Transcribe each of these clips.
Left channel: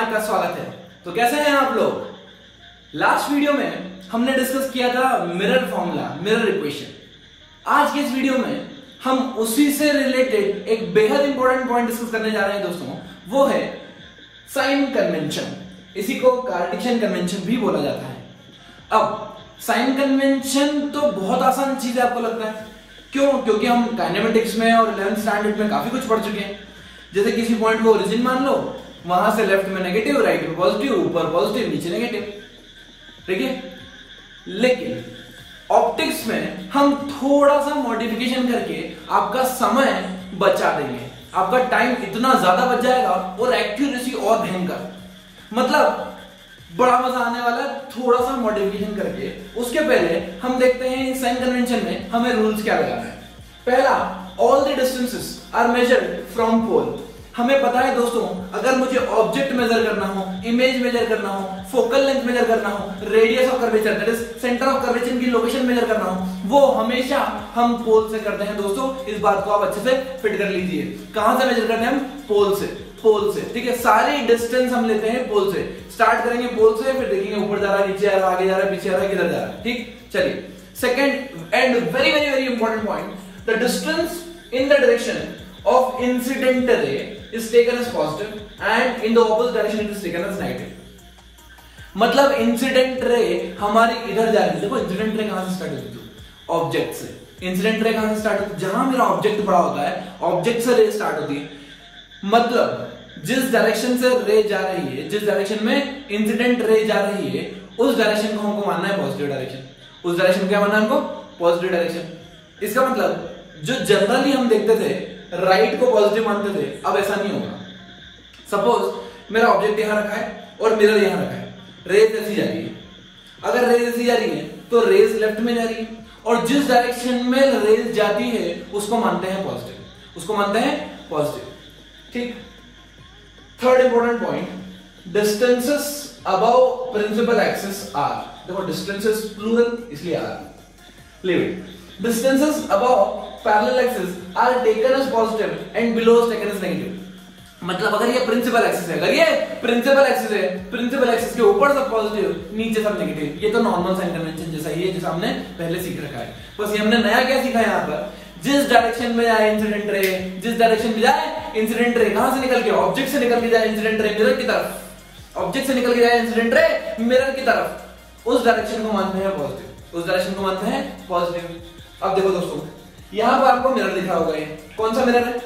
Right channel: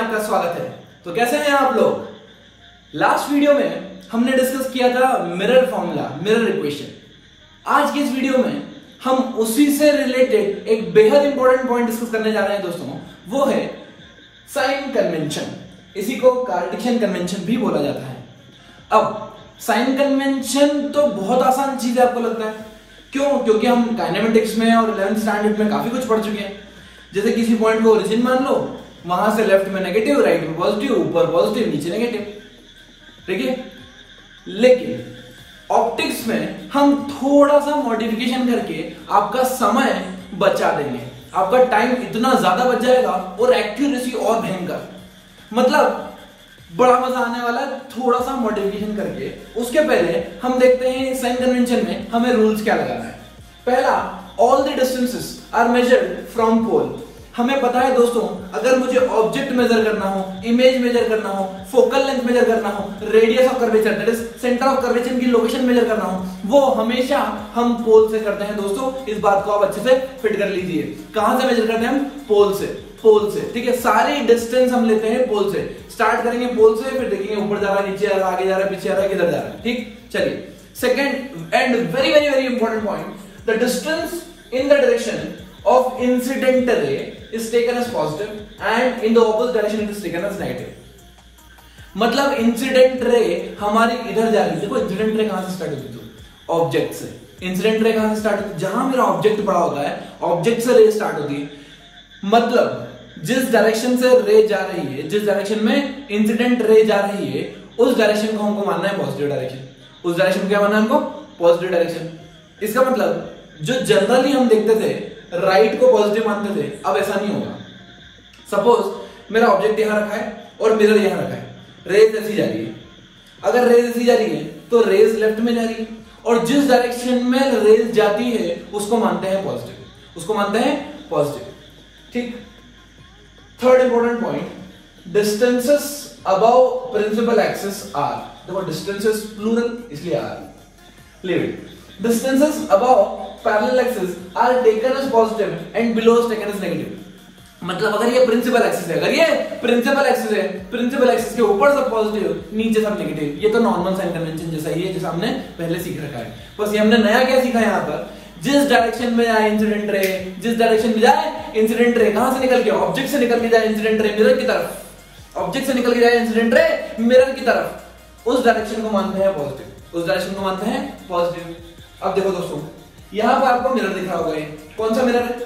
आपका स्वागत है। तो कैसे हैं आप लोग? लास्ट वीडियो में हमने डिस्कस किया था मिरर फॉर्मूला, मिरर इक्वेशन। आज के इस वीडियो में हम उसी से रिलेटेड एक बेहद इंपॉर्टेंट पॉइंट डिस्कस करने जा रहे हैं दोस्तों, वो है साइन कन्वेंशन। इसी को कार्टेशियन कन्वेंशन भी बोला जाता है। अब साइन कन्वेंशन तो बहुत आसान चीज है, आपको लगता है? क्यों? क्योंकि हम काइनेमेटिक्स में और 11th स्टैंडर्ड में काफी कुछ पढ़ चुके हैं। जैसे किसी पॉइंट को ओरिजिन मान लो, वहां से लेफ्ट में नेगेटिव, राइट में पॉजिटिव, ऊपर पॉजिटिव, नीचे नेगेटिव, ठीक है। लेकिन ऑप्टिक्स में हम थोड़ा सा मॉडिफिकेशन करके आपका समय बचा देंगे, आपका टाइम इतना ज्यादा बच जाएगा और एक्यूरेसी और भयंकर, मतलब बड़ा मजा आने वाला है थोड़ा सा मॉडिफिकेशन करके। उसके पहले हम देखते हैं साइन कन्वेंशन में हमें रूल्स क्या लगाना है। पहला, all the distances are measured from pole. हमें पता है दोस्तों, अगर मुझे ऑब्जेक्ट मेजर करना हो, इमेज मेजर करना हो, फोकल लेंथ मेजर करना हो, radius of curvature that is centre of curvature की लोकेशन मेजर करना हो, वो हमेशा हम पोल से करते हैं दोस्तों। इस बात को आप अच्छे से फिट कर लीजिए। कहां से मेजर करते हैं हम? पोल से। पोल से, ठीक है। सारी डिस्टेंस हम लेते हैं पोल से। स्टार्ट करेंगे पोल से, फिर देखेंगे ऊपर जा रहा है, नीचे आ रहा है, आगे जा रहा है, पीछे आ रहा है, किधर जा रहा है, ठीक। चलिए, second and very very very important point, the distance in the direction of incident ray is taken as positive and in the opposite direction it is taken as negative। मतलब इंसिडेंट रे हमारी इधर जा रही है। देखो incident ray कहां से start होती है? ऑब्जेक्ट से। इंसिडेंट रे कहां से स्टार्ट होती है? जहां मेरा ऑब्जेक्ट पड़ा होता है, ऑब्जेक्ट से रे स्टार्ट होती है। मतलब जिस डायरेक्शन से रे जा रही है, जिस डायरेक्शन में इंसिडेंट रे जा रही है, उस डायरेक्शन को हमको मानना है पॉजिटिव डायरेक्शन। उस डायरेक्शन को क्या मानना है हमको? Positive direction. इसका मतलब जो जनरली हम देखते थे राइट को पॉजिटिव मानते थे, अब ऐसा नहीं होगा। सपोज मेरा ऑब्जेक्ट यहां रखा है और मिरर यहां रखा है, रेज ऐसी जा रही है। अगर रेज ऐसी जा रही है तो रेज लेफ्ट में जा रही है, और जिस डायरेक्शन में रेज जाती है उसको मानते हैं पॉजिटिव, उसको मानते हैं पॉजिटिव, ठीक। Third important point, distances above principal axis are. देखो डिस्टेंसेस प्लूरल इसलिए are, leave it. Distances above parallel axis are taken as positive and below is taken as negative। मतलब अगर ये प्रिंसिपल एक्सिस है, अगर ये प्रिंसिपल एक्सिस है, principal axis के ऊपर सब पॉजिटिव, नीचे सब नेगेटिव। ये तो नॉर्मल साइन कन्वेंशन जैसा ही है, जैसा हमने पहले सीख रखा है। बस ये हमने नया क्या सीखा यहाँ पर, जिस डायरेक्शन में जाए इंसिडेंट रे, जिस डायरेक्शन में जाए इंसिडेंट रे, कहां से निकल के? ऑब्जेक्ट से निकल के जाए इंसिडेंट रे मिरर की तरफ, ऑब्जेक्ट से निकल के जाए इंसिडेंट रे मिरर की तरफ, उस डायरेक्शन को मानते हैं पॉजिटिव, उस डायरेक्शन को मानते हैं पॉजिटिव। अब देखो दोस्तों, यहां पर आपको मिरर दिखा होगा, ये कौन सा मिरर है?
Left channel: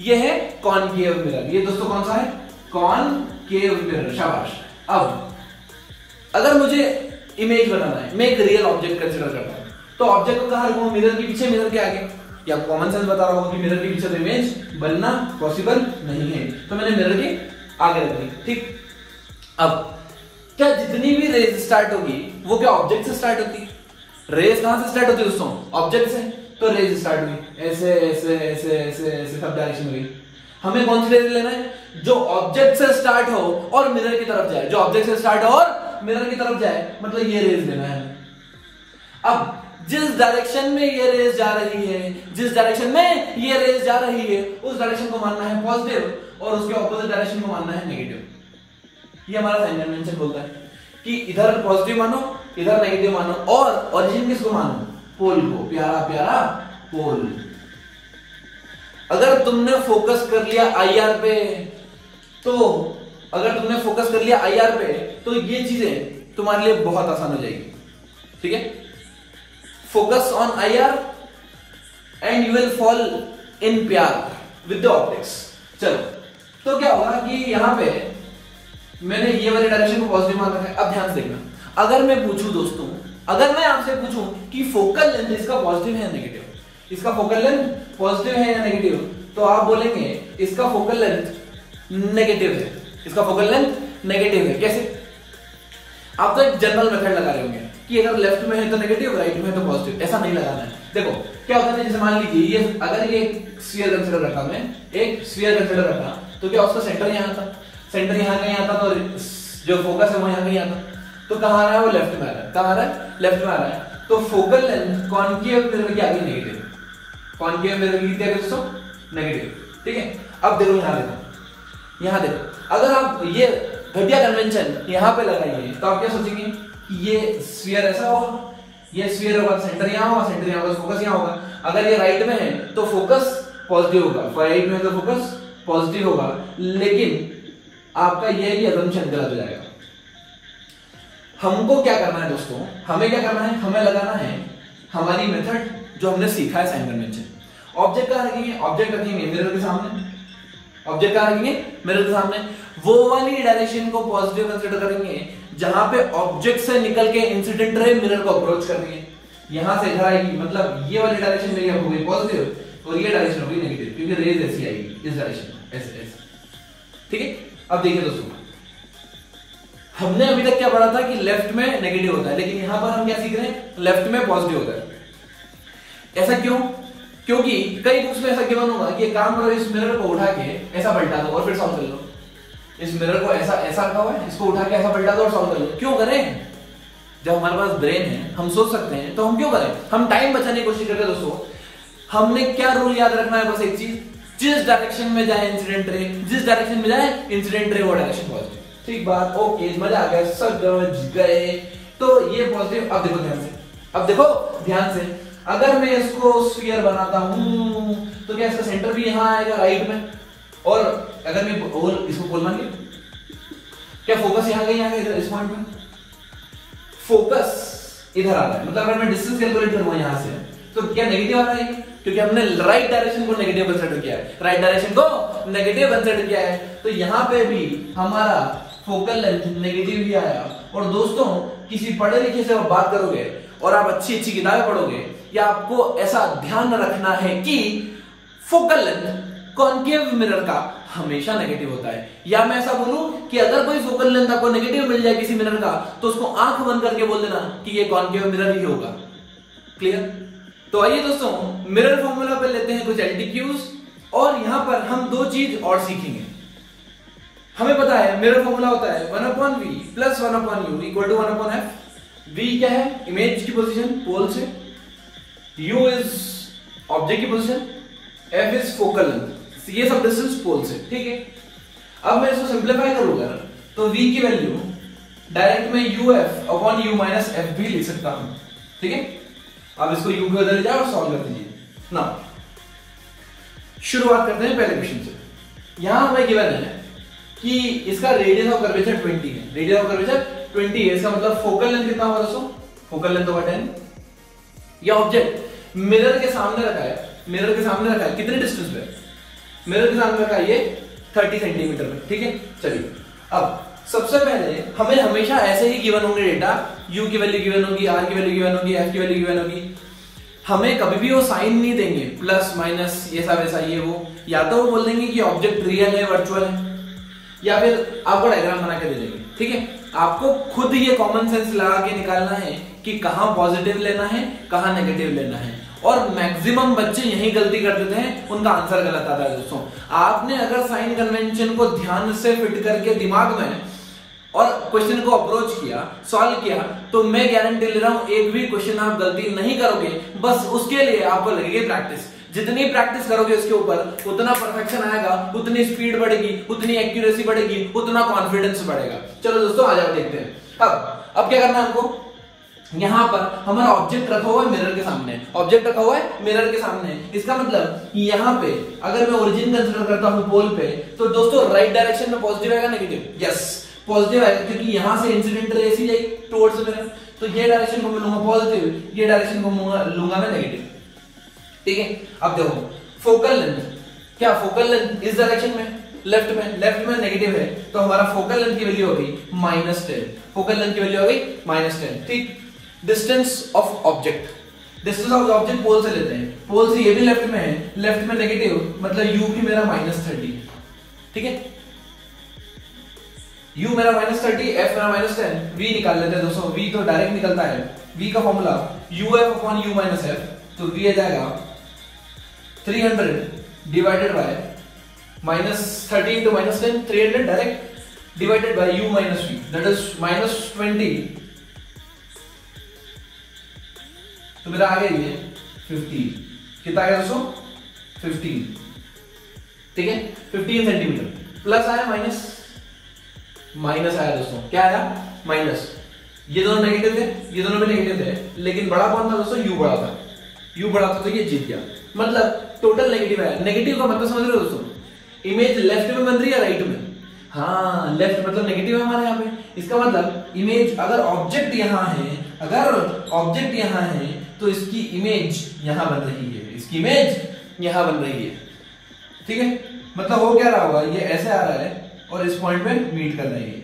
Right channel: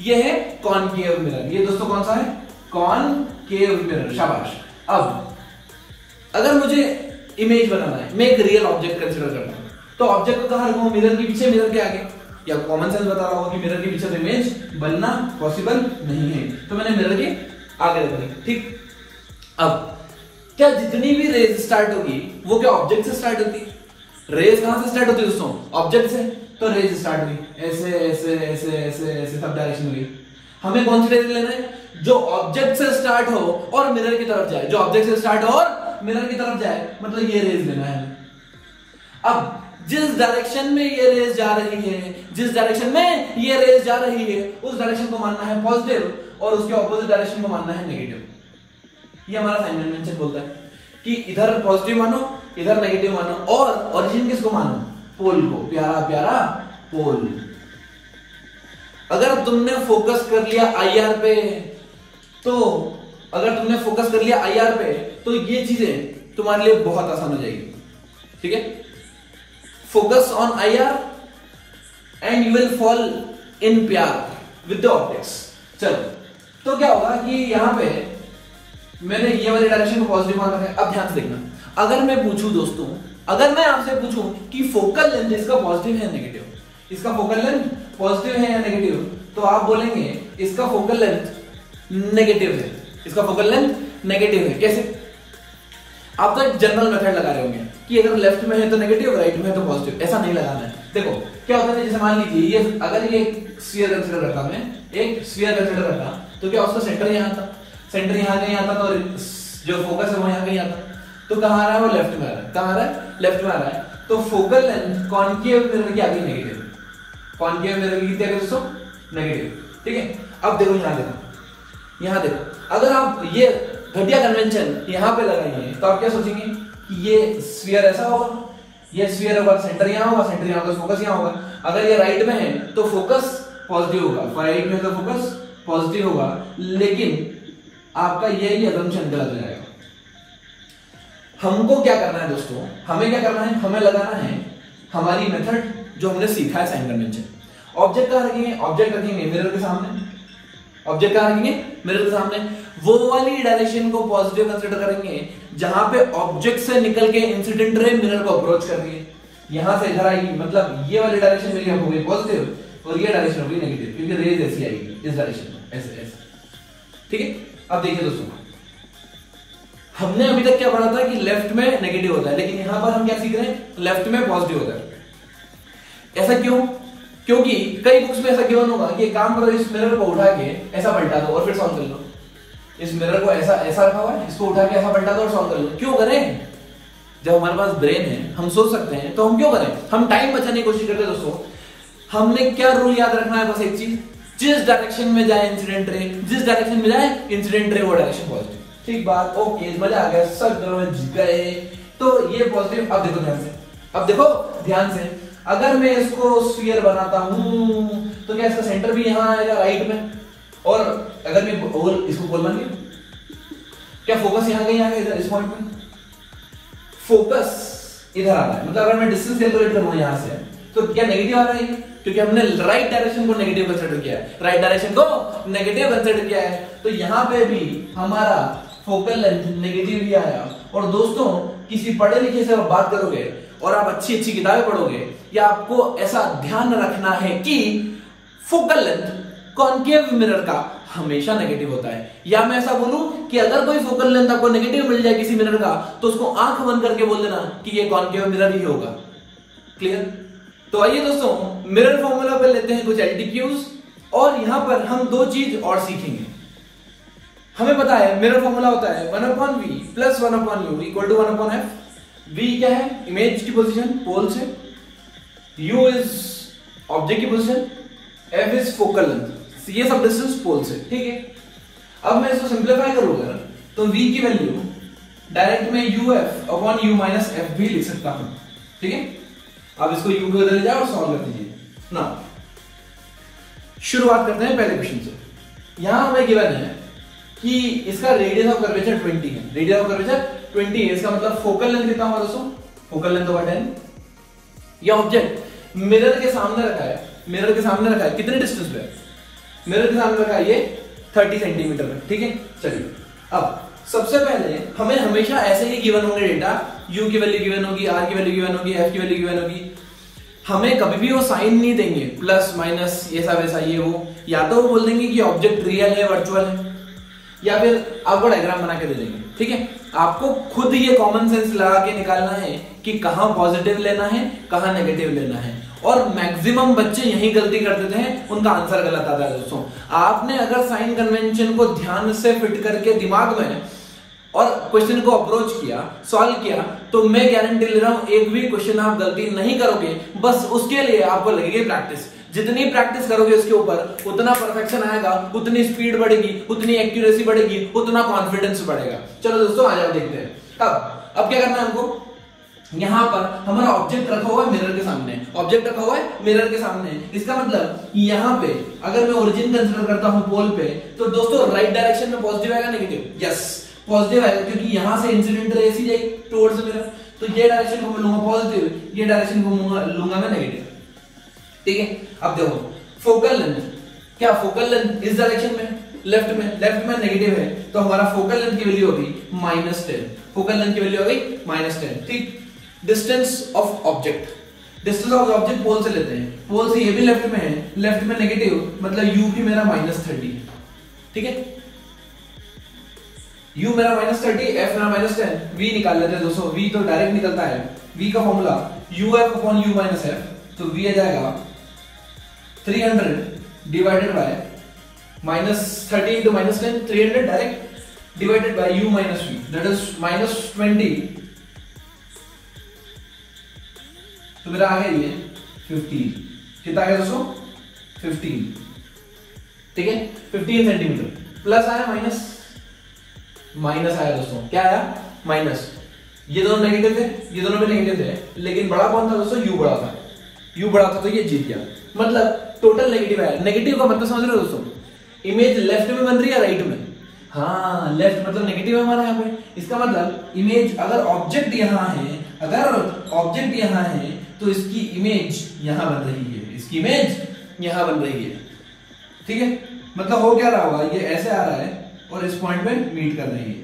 ये है कॉनकेव मिरर। ये दोस्तों कौन सा है? Concave mirror. शाबाश। अब अगर मुझे इमेज बनाना है, मैं एक रियल ऑब्जेक्ट कंसीडर करता हूं, तो ऑब्जेक्ट को कहां रखूं? मिरर के पीछे, मिरर के आगे? या कॉमन सेंस बता रहा हूं कि मिरर के पीछे तो इमेज बनना पॉसिबल नहीं है, तो मैंने मिरर के आगे रख दी, ठीक। अब क्या जितनी भी रेज स्टार्ट होगी वो क्या ऑब्जेक्ट से स्टार्ट होती है? रेज कहां से स्टार्ट होती है दोस्तों? ऑब्जेक्ट से। तो रेज स्टार्ट हुई ऐसे ऐसे ऐसे ऐसे ऐसे सब डायरेक्शन में। हमें कौन सी रेज लेना है? जो ऑब्जेक्ट से स्टार्ट हो और मिरर की तरफ जाए, जो ऑब्जेक्ट से स्टार्ट हो और मिरर की तरफ जाए, मतलब ये रेज लेना है हमें। अब जिस डायरेक्शन में ये रेज जा रही है, जिस डायरेक्शन में ये रेज जा रही है, उस डायरेक्शन को मानना है पॉजिटिव और उसके ऑपोजिट डायरेक्शन को मानना है नेगेटिव। ये हमारा साइन कन्वेंशन बोलता है कि इधर पॉजिटिव मानो, इधर नेगेटिव मानो, और ओरिजिन किसको मानो? पोल को। प्यारा प्यारा पोल। अगर तुमने फोकस कर लिया आईआर पे, तो अगर तुमने फोकस कर लिया आईआर पे, तो ये चीजें तुम्हारे लिए बहुत आसान हो जाएगी, ठीक है। Focus on IR and you will fall in प्यार विद द ऑप्टिक्स। चलो, तो क्या होगा कि यहां पे मैंने ये वाले डायरेक्शन को पॉजिटिव मान रखा है। अब ध्यान से देखना, अगर मैं पूछूं दोस्तों, अगर मैं आपसे पूछूं कि फोकल लेंथ इसका पॉजिटिव है या नेगेटिव, इसका फोकल लेंथ पॉजिटिव है या नेगेटिव, तो आप बोलेंगे इसका फोकल लेंथ नेगेटिव है, इसका फोकल लेंथ नेगेटिव है। कैसे? आप तो एक जनरल मेथड लगा रहे होंगे कि अगर लेफ्ट में है तो नेगेटिव, राइट में है तो पॉजिटिव। ऐसा नहीं लगाना है। देखो क्या होता है, जैसे मान लीजिए ये अगर ये स्फीयर कंसीडर रखा, मैं एक स्फीयर कंसीडर रखा, तो क्या उसका सेंटर यहां था, सेंटर यहां कहीं आता, तो जो फोकस है वो यहां कहीं आता, तो कहां आ रहा है? वो लेफ्ट में आ रहा है। कहां आ रहा है? लेफ्ट में आ रहा है। तो फोकल लेंथ कॉनकेव मिरर की आ गई नेगेटिव, कॉनकेव मिरर की क्या दोस्तों? नेगेटिव, ठीक है। अब देखो यहां देखो, यहां देखो, अगर आप ये घटिया कन्वेंशन यहाँ पे लगाएंगे तो आप क्या सोचेंगे कि ये स्फीयर ऐसा होगा, ये स्फीयर होगा सेंटर यहाँ होगा, सेंटर यहाँ होगा, फोकस यहाँ होगा। अगर ये राइट में है तो फोकस पॉजिटिव होगा, राइट में तो फोकस पॉजिटिव होगा, लेकिन आपका ये असम्पशन गलत हो जाएगा। हमको क्या करना है दोस्तों, हमें क्या करना है, हमें लगाना है हमारी मेथड जो हमने सीखा है साइन कन्वेंशन। ऑब्जेक्ट कहां रखेंगे, ऑब्जेक्ट रखेंगे मिरर के सामने, ऑब्जेक्ट कहां रखेंगे मिरर के सामने। वो वाली डायरेक्शन को पॉजिटिव कंसीडर करेंगे जहां पे ऑब्जेक्ट से निकल के इंसिडेंट रे मिरर को अप्रोच कर रही है, यहां से इधर आएगी, मतलब ये वाली डायरेक्शन में क्या हो गई पॉजिटिव और ये डायरेक्शन हो गई नेगेटिव, क्योंकि रेज ऐसी आएगी इस डायरेक्शन में, ऐसे ऐसे। ठीक है, अब देखिए दोस्तों, हमने अभी तक क्या पढ़ा था कि लेफ्ट में नेगेटिव होता है, लेकिन यहां पर हम क्या सीख रहे हैं, लेफ्ट में पॉजिटिव होता है। ऐसा क्यों? क्योंकि कई बुक्स में ऐसा गिवन होगा कि काम करो, इस मिरर को उठा के ऐसा पलटा दो और फिर सॉल्व कर लो। इस मिरर को ऐसा ऐसा रखा हुआ है, इसको उठा के ऐसा पलटा दो और सॉल्व कर लो। क्यों करें? जब हमारे पास ब्रेन है, हम सोच सकते हैं, तो हम क्यों करें? हम टाइम बचाने की कोशिश करते हैं दोस्तों। हमने क्या रूल याद रखना है, बस एक चीज, जिस डायरेक्शन में जाए इंसिडेंट रे, जिस डायरेक्शन में जाए इंसिडेंट रे वो डायरेक्शन पॉजिटिव। ठीक बात, ओके, मजा आ गया, सब समझ गए। तो ये पॉजिटिव। अब देखो ध्यान से, अब देखो ध्यान से, अगर मैं इसको स्फीयर बनाता हूं तो क्या इसका सेंटर भी यहां आएगा राइट में, और अगर मैं और इसको पोल मान लिया, क्या फोकस यहां कहीं आएगा, इधर इस पॉइंट में फोकस इधर आ रहा है, मतलब अगर मैं डिस्टेंस कैलकुलेट करूंगा यहां से तो क्या नेगेटिव आ रहा है, क्योंकि हमने राइट डायरेक्शन को नेगेटिव कंसीडर किया है, राइट डायरेक्शन को नेगेटिव कंसीडर किया है, तो यहां पे भी हमारा फोकल लेंथ नेगेटिव ही आया। और दोस्तों, किसी पढ़े लिखे से आप बात करोगे और आप अच्छी अच्छी किताबें पढ़ोगे, या आपको ऐसा ध्यान रखना है कि फोकल लेंथ कॉन्केव मिरर का हमेशा नेगेटिव होता है। या मैं ऐसा बोलूं कि अगर कोई फोकल लेंथ आपको नेगेटिव मिल जाए किसी मिरर का, तो उसको आंख बंद करके बोल देना कि ये कॉन्केव मिरर ही होगा। क्लियर? तो आइए दोस्तों, मिरर फॉर्मूला पे लेते हैं कुछ एलटीक्यूज, और यहां पर हम दो चीज और सीखेंगे। हमें पता है मिरर फॉर्मूला होता है 1/v plus 1/u equal to 1/f। v क्या है? इमेज की पोजीशन पोल से, u इज ऑब्जेक्ट की position, f is focal length, ये सब डिस्टेंस पोल से। ठीक है, अब मैं इसको सिंप्लीफाई करूंगा तो v की वैल्यू डायरेक्ट में uf/u माइनस f भी लिख सकता हूं। ठीक है, अब इसको u के उधर ले जाओ और सॉल्व कर दीजिए ना। शुरुआत करते हैं पहले क्वेश्चन से। यहां हमें गिवन है कि इसका रेडियस ऑफ कर्वेचर 20 है, रेडियस ऑफ कर्वेचर 20 है, इसका मतलब फोकल लेंथ कितना होगा दोस्तों? फोकल लेंथ होगा 10। यह ऑब्जेक्ट मिरर के सामने रखा है, मिरर के सामने रखा है, कितने डिस्टेंस पे? मिरर के सामने रखा है ये 30 सेंटीमीटर पे। ठीक है, चलिए अब सबसे पहले हमें हमेशा ऐसे ही गिवन होंगे डेटा, u की वैल्यू गिवन होगी, r की वैल्यू गिवन होगी, f की वैल्यू गिवन होगी। हमें कभी भी वो साइन नहीं देंगे, प्लस माइनस ये सब ऐसा ये वो, या तो वो बोल देंगे कि ऑब्जेक्ट रियल है वर्चुअल है, या फिर आपको डायग्राम बना के दे देंगे। ठीक है, आपको खुद ये कॉमन सेंस लगा के निकालना है कि कहां पॉजिटिव लेना है, कहां नेगेटिव लेना है। और मैक्सिमम बच्चे यही गलती कर देते हैं, उनका आंसर गलत आता है दोस्तों। आपने अगर साइन कन्वेंशन को ध्यान से फिट करके दिमाग में और क्वेश्चन को अप्रोच किया, सॉल्व किया, तो मैं गारंटी ले रहा हूं एक भी क्वेश्चन आप गलती नहीं करोगे। बस उसके लिए आपको लगेगी प्रैक्टिस। जितनी प्रैक्टिस करोगे उसके ऊपर उतना परफेक्शन आएगा, उतनी स्पीड बढ़ेगी, उतनी एक्यूरेसी बढ़ेगी, उतना कॉन्फिडेंस बढ़ेगा। चलो दोस्तों आ जाओ देखते हैं। अब क्या करना है हमको, यहां पर हमारा ऑब्जेक्ट रखा हुआ है मिरर के सामने, ऑब्जेक्ट रखा हुआ है मिरर के सामने। इसका मतलब यहां पे अगर मैं ओरिजिन कंसीडर करता हूं पोल पे, तो दोस्तों राइट डायरेक्शन में पॉजिटिव आएगा नेगेटिव? यस, पॉजिटिव आएगा, क्योंकि यहां से इंसिडेंट रे ऐसी जाएगी टुवर्ड्स मिरर, तो ये डायरेक्शन को मैं लूंगा पॉजिटिव, ये डायरेक्शन को लूंगा मैं नेगेटिव। ठीक है, अब देखो फोकल लेंथ, क्या फोकल लेंथ इस डायरेक्शन में लेफ्ट में नेगेटिव है, तो हमारा फोकल लेंथ की वैल्यू होगी -10, फोकल लेंथ की वैल्यू होगी -10। ठीक, distance of object, distance of object pole से लेते हैं, पोल से ये भी लेफ्ट में है, लेफ्ट में नेगेटिव, मतलब u की मेरा -30 है। ठीक है, u मेरा -30, f मेरा -10, v निकाल लेते हैं दोस्तों। v तो डायरेक्ट निकलता है, v का फॉर्मूला uf/u माइनस f, तो v आ जाएगा 300 divided by -30 into -10, 300 direct divided by u minus v, that is -20, तो मेरा आ गया ये 15। कितना आया दोस्तों? 15। ठीक है, 15 सेंटीमीटर, प्लस आया माइनस, माइनस आया दोस्तों, क्या आया? माइनस। ये दोनों नेगेटिव थे, ये दोनों भी नेगेटिव थे, लेकिन बड़ा कौन था दोस्तों? यू बड़ा था। यू बड़ा था तो ये जीत गया, मतलब टोटल नेगेटिव आया। नेगेटिव का मतलब समझ रहे हो दोस्तों? इमेज लेफ्ट में बन रही है राइट में? हाँ, लेफ्ट मतलब नेगेटिव है हमारा यहाँ पे। इसका मतलब इमेज, अगर ऑब्जेक्ट यहाँ है, अगर ऑब्जेक्ट यहाँ है तो इसकी इमेज यहाँ बन रही है, इसकी इमेज यहाँ बन रही है। ठीक है, मतलब हो क्या रहा होगा, ये ऐसे आ रहा है और इस पॉइंट पे मीट कर रही है।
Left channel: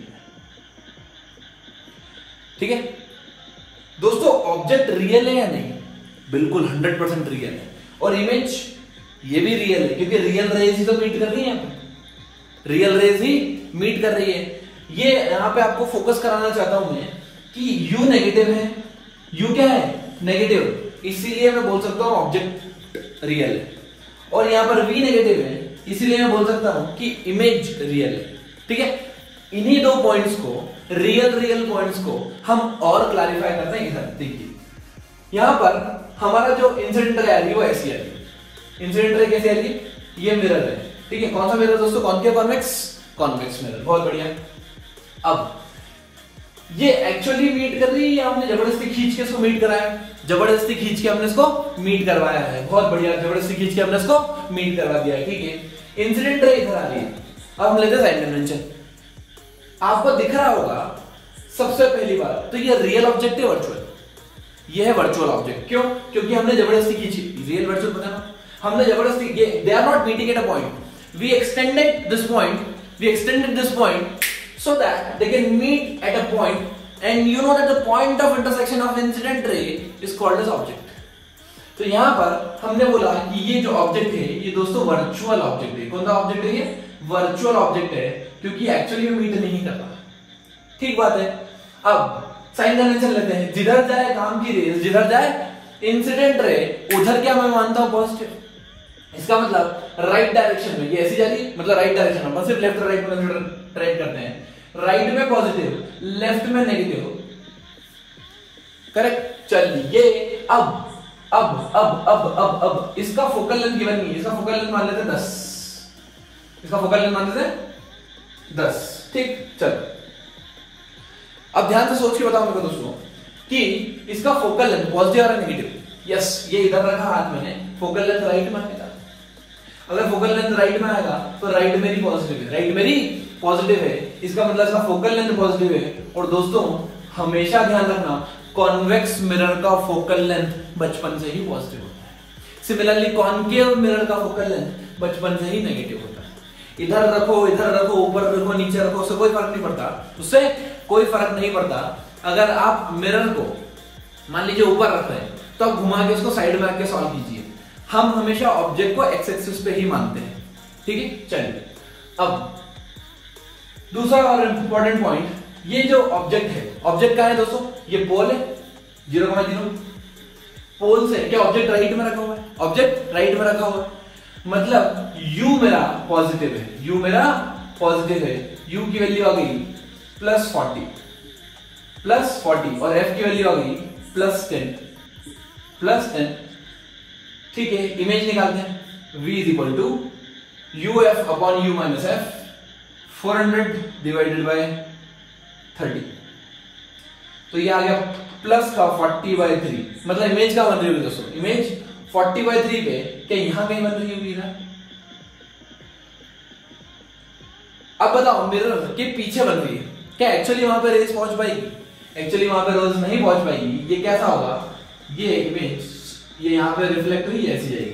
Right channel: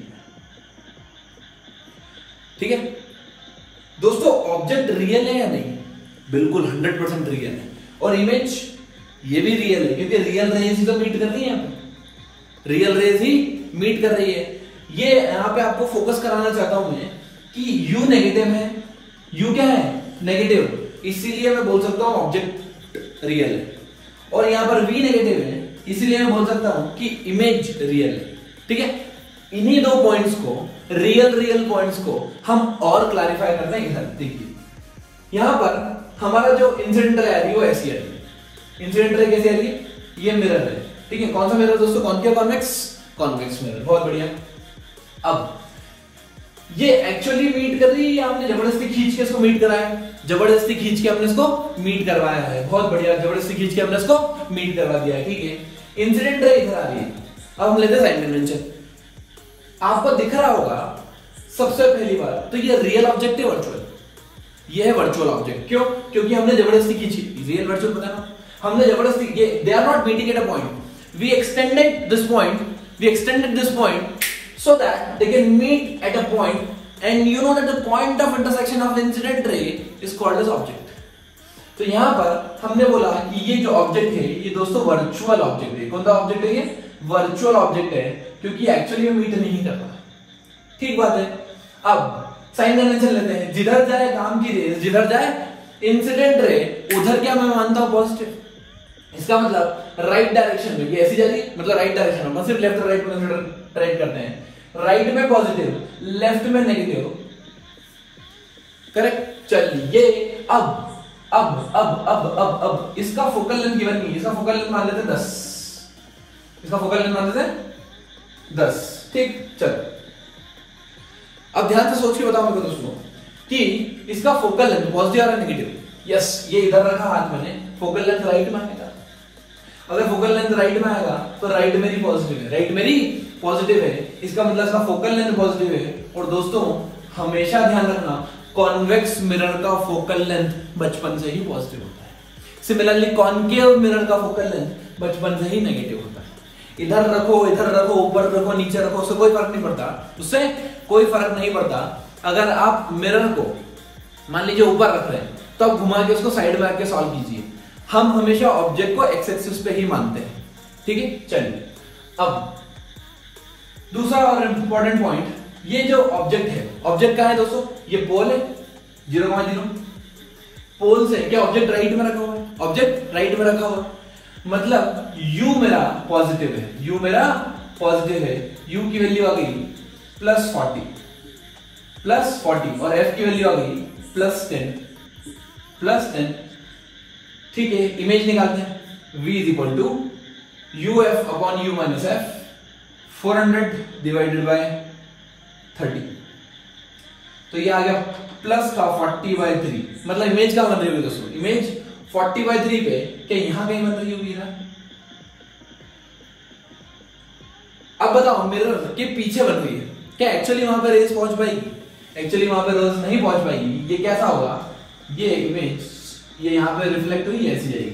ठीक है दोस्तों, ऑब्जेक्ट रियल है या नहीं? बिल्कुल 100% रियल है। और इमेज ये भी रियल है, क्योंकि रियल रेज ही तो मीट कर रही है यहाँ पे, रियल रेज ही मीट कर रही है। ये यहाँ पे आपको फोकस कराना चाहता हूं मैं कि U नेगेटिव है, U क्या है? नेगेटिव, इसीलिए मैं बोल सकता हूं ऑब्जेक्ट रियल है। और यहाँ पर V नेगेटिव है, इसीलिए मैं बोल सकता हूं कि इमेज रियल है। ठीक है, इन्हीं दो पॉइंट्स को, रियल पॉइंट्स को हम और क्लैरिफाई करते हैं इधर। देखिए यहां पर हमारा जो इंसिडेंट रे आ रही है वो ऐसी आ रही है। इंसिडेंट रे कैसे आ रही है? ये मिरर है। ठीक है, कौन सा मिरर दोस्तों? Concave convex? कॉन्वेक्स मिरर, बहुत बढ़िया। अब ये एक्चुअली मीट कर रही है या हमने जबरदस्ती खींच के इसको मीट कराया? जबरदस्ती खींच के हमने इसको मीट करवाया है, बहुत बढ़िया। जबरदस्ती खींच के हमने इसको मीट करवा दिया है। ठीक है, इंसिडेंट रे इधर आ रही है। अब हम लेते हैं साइन कन्वेंशन। आपको दिख रहा होगा सबसे पहली बार तो ये रियल ऑब्जेक्ट है, वर्चुअल? ये है वर्चुअल ऑब्जेक्ट। क्यों? क्योंकि हमने जबरदस्ती खींची। रियल वर्चुअल पता ना, हमने जबरदस्ती, ये they are not meeting at a point, we extended this point so that they can meet at a point, and you know that the point of intersection of incident ray is called as object. तो यहां पर हमने बोला कि ये जो object है ये दोस्तों वर्चुअल ऑब्जेक्ट है। कौन सा ऑब्जेक्ट है? ये वर्चुअल ऑब्जेक्ट है, क्योंकि एक्चुअली मीट नहीं करता। ठीक बात है। अब साइन कन्वेंशन लेते हैं। जिधर जाए काम की रेस, जिधर जाए इंसिडेंट रे, उधर क्या मैं मानता हूं? पॉजिटिव। इसका मतलब राइट डायरेक्शन में, ये ऐसी जा रही है, मतलब राइट डायरेक्शन में, सिर्फ लेफ्ट और राइट में ट्राई करते हैं। राइट में पॉजिटिव, लेफ्ट में नेगेटिव, करेक्ट। चलिए अब इसका फोकल लेंथ गिवन नहीं है, इसका फोकल लेंथ मान लेते हैं 10, इसका फोकल लेंथ मान लेते हैं 10। ठीक, चलो अब ध्यान से सोच के बताओ मेरे दोस्तों कि इसका फोकल लेंथ पॉजिटिव और नेगेटिव। यस, ये इधर रखा हाथ मैंने, फोकल लेंथ राइट में आएगा। अगर फोकल लेंथ राइट में आएगा तो राइट मेरी पॉजिटिव है, राइट मेरी पॉजिटिव है, इसका मतलब इसका फोकल लेंथ पॉजिटिव है। और दोस्तों हमेशा ध्यान रखना, कॉन्वेक्स मिरर का फोकल लेंथ बचपन से ही पॉजिटिव होता है। सिमिलरली कॉनकेव मिरर का फोकल लेंथ बचपन से ही नेगेटिव होता है। इधर रखो, ऊपर रखो, नीचे रखो, उससे कोई फर्क नहीं पड़ता, उससे कोई फर्क नहीं पड़ता। अगर आप मिरर को मान लीजिए ऊपर रख रहे हैं तो आप घुमा के उसको साइड में आके सॉल्व कीजिए। हम हमेशा ऑब्जेक्ट को एक्स एक्सिस पे ही मानते हैं। ठीक है, चलिए अब दूसरा और इंपॉर्टेंट पॉइंट, ये जो ऑब्जेक्ट है, ऑब्जेक्ट का है दोस्तों, ये पोल है 0,0। पोल से क्या ऑब्जेक्ट राइट में रखा हुआ है? ऑब्जेक्ट राइट में रखा हुआ है, मतलब u मेरा पॉजिटिव है, u मेरा पॉजिटिव है। u की वैल्यू आ गई +40 और f की वैल्यू आ गई +10। ठीक है, इमेज निकालते हैं। v is equal to uf upon u minus f, 400 divided by 30। तो ये आ गया प्लस का 40/3, मतलब इमेज का बन रही होगी दोस्तों, इमेज 40/3 पे क्या यहां कहीं बन रही होगी ना? अब बताओ मिरर के पीछे बन रही है, क्या एक्चुअली वहां पर रेस पहुंच पाएगी? एक्चुअली वहां पर रेस नहीं पहुंच पाएगी। ये कैसा होगा? ये इमेज ये यहां पे रिफ्लेक्ट हुई ऐसी जाएगी,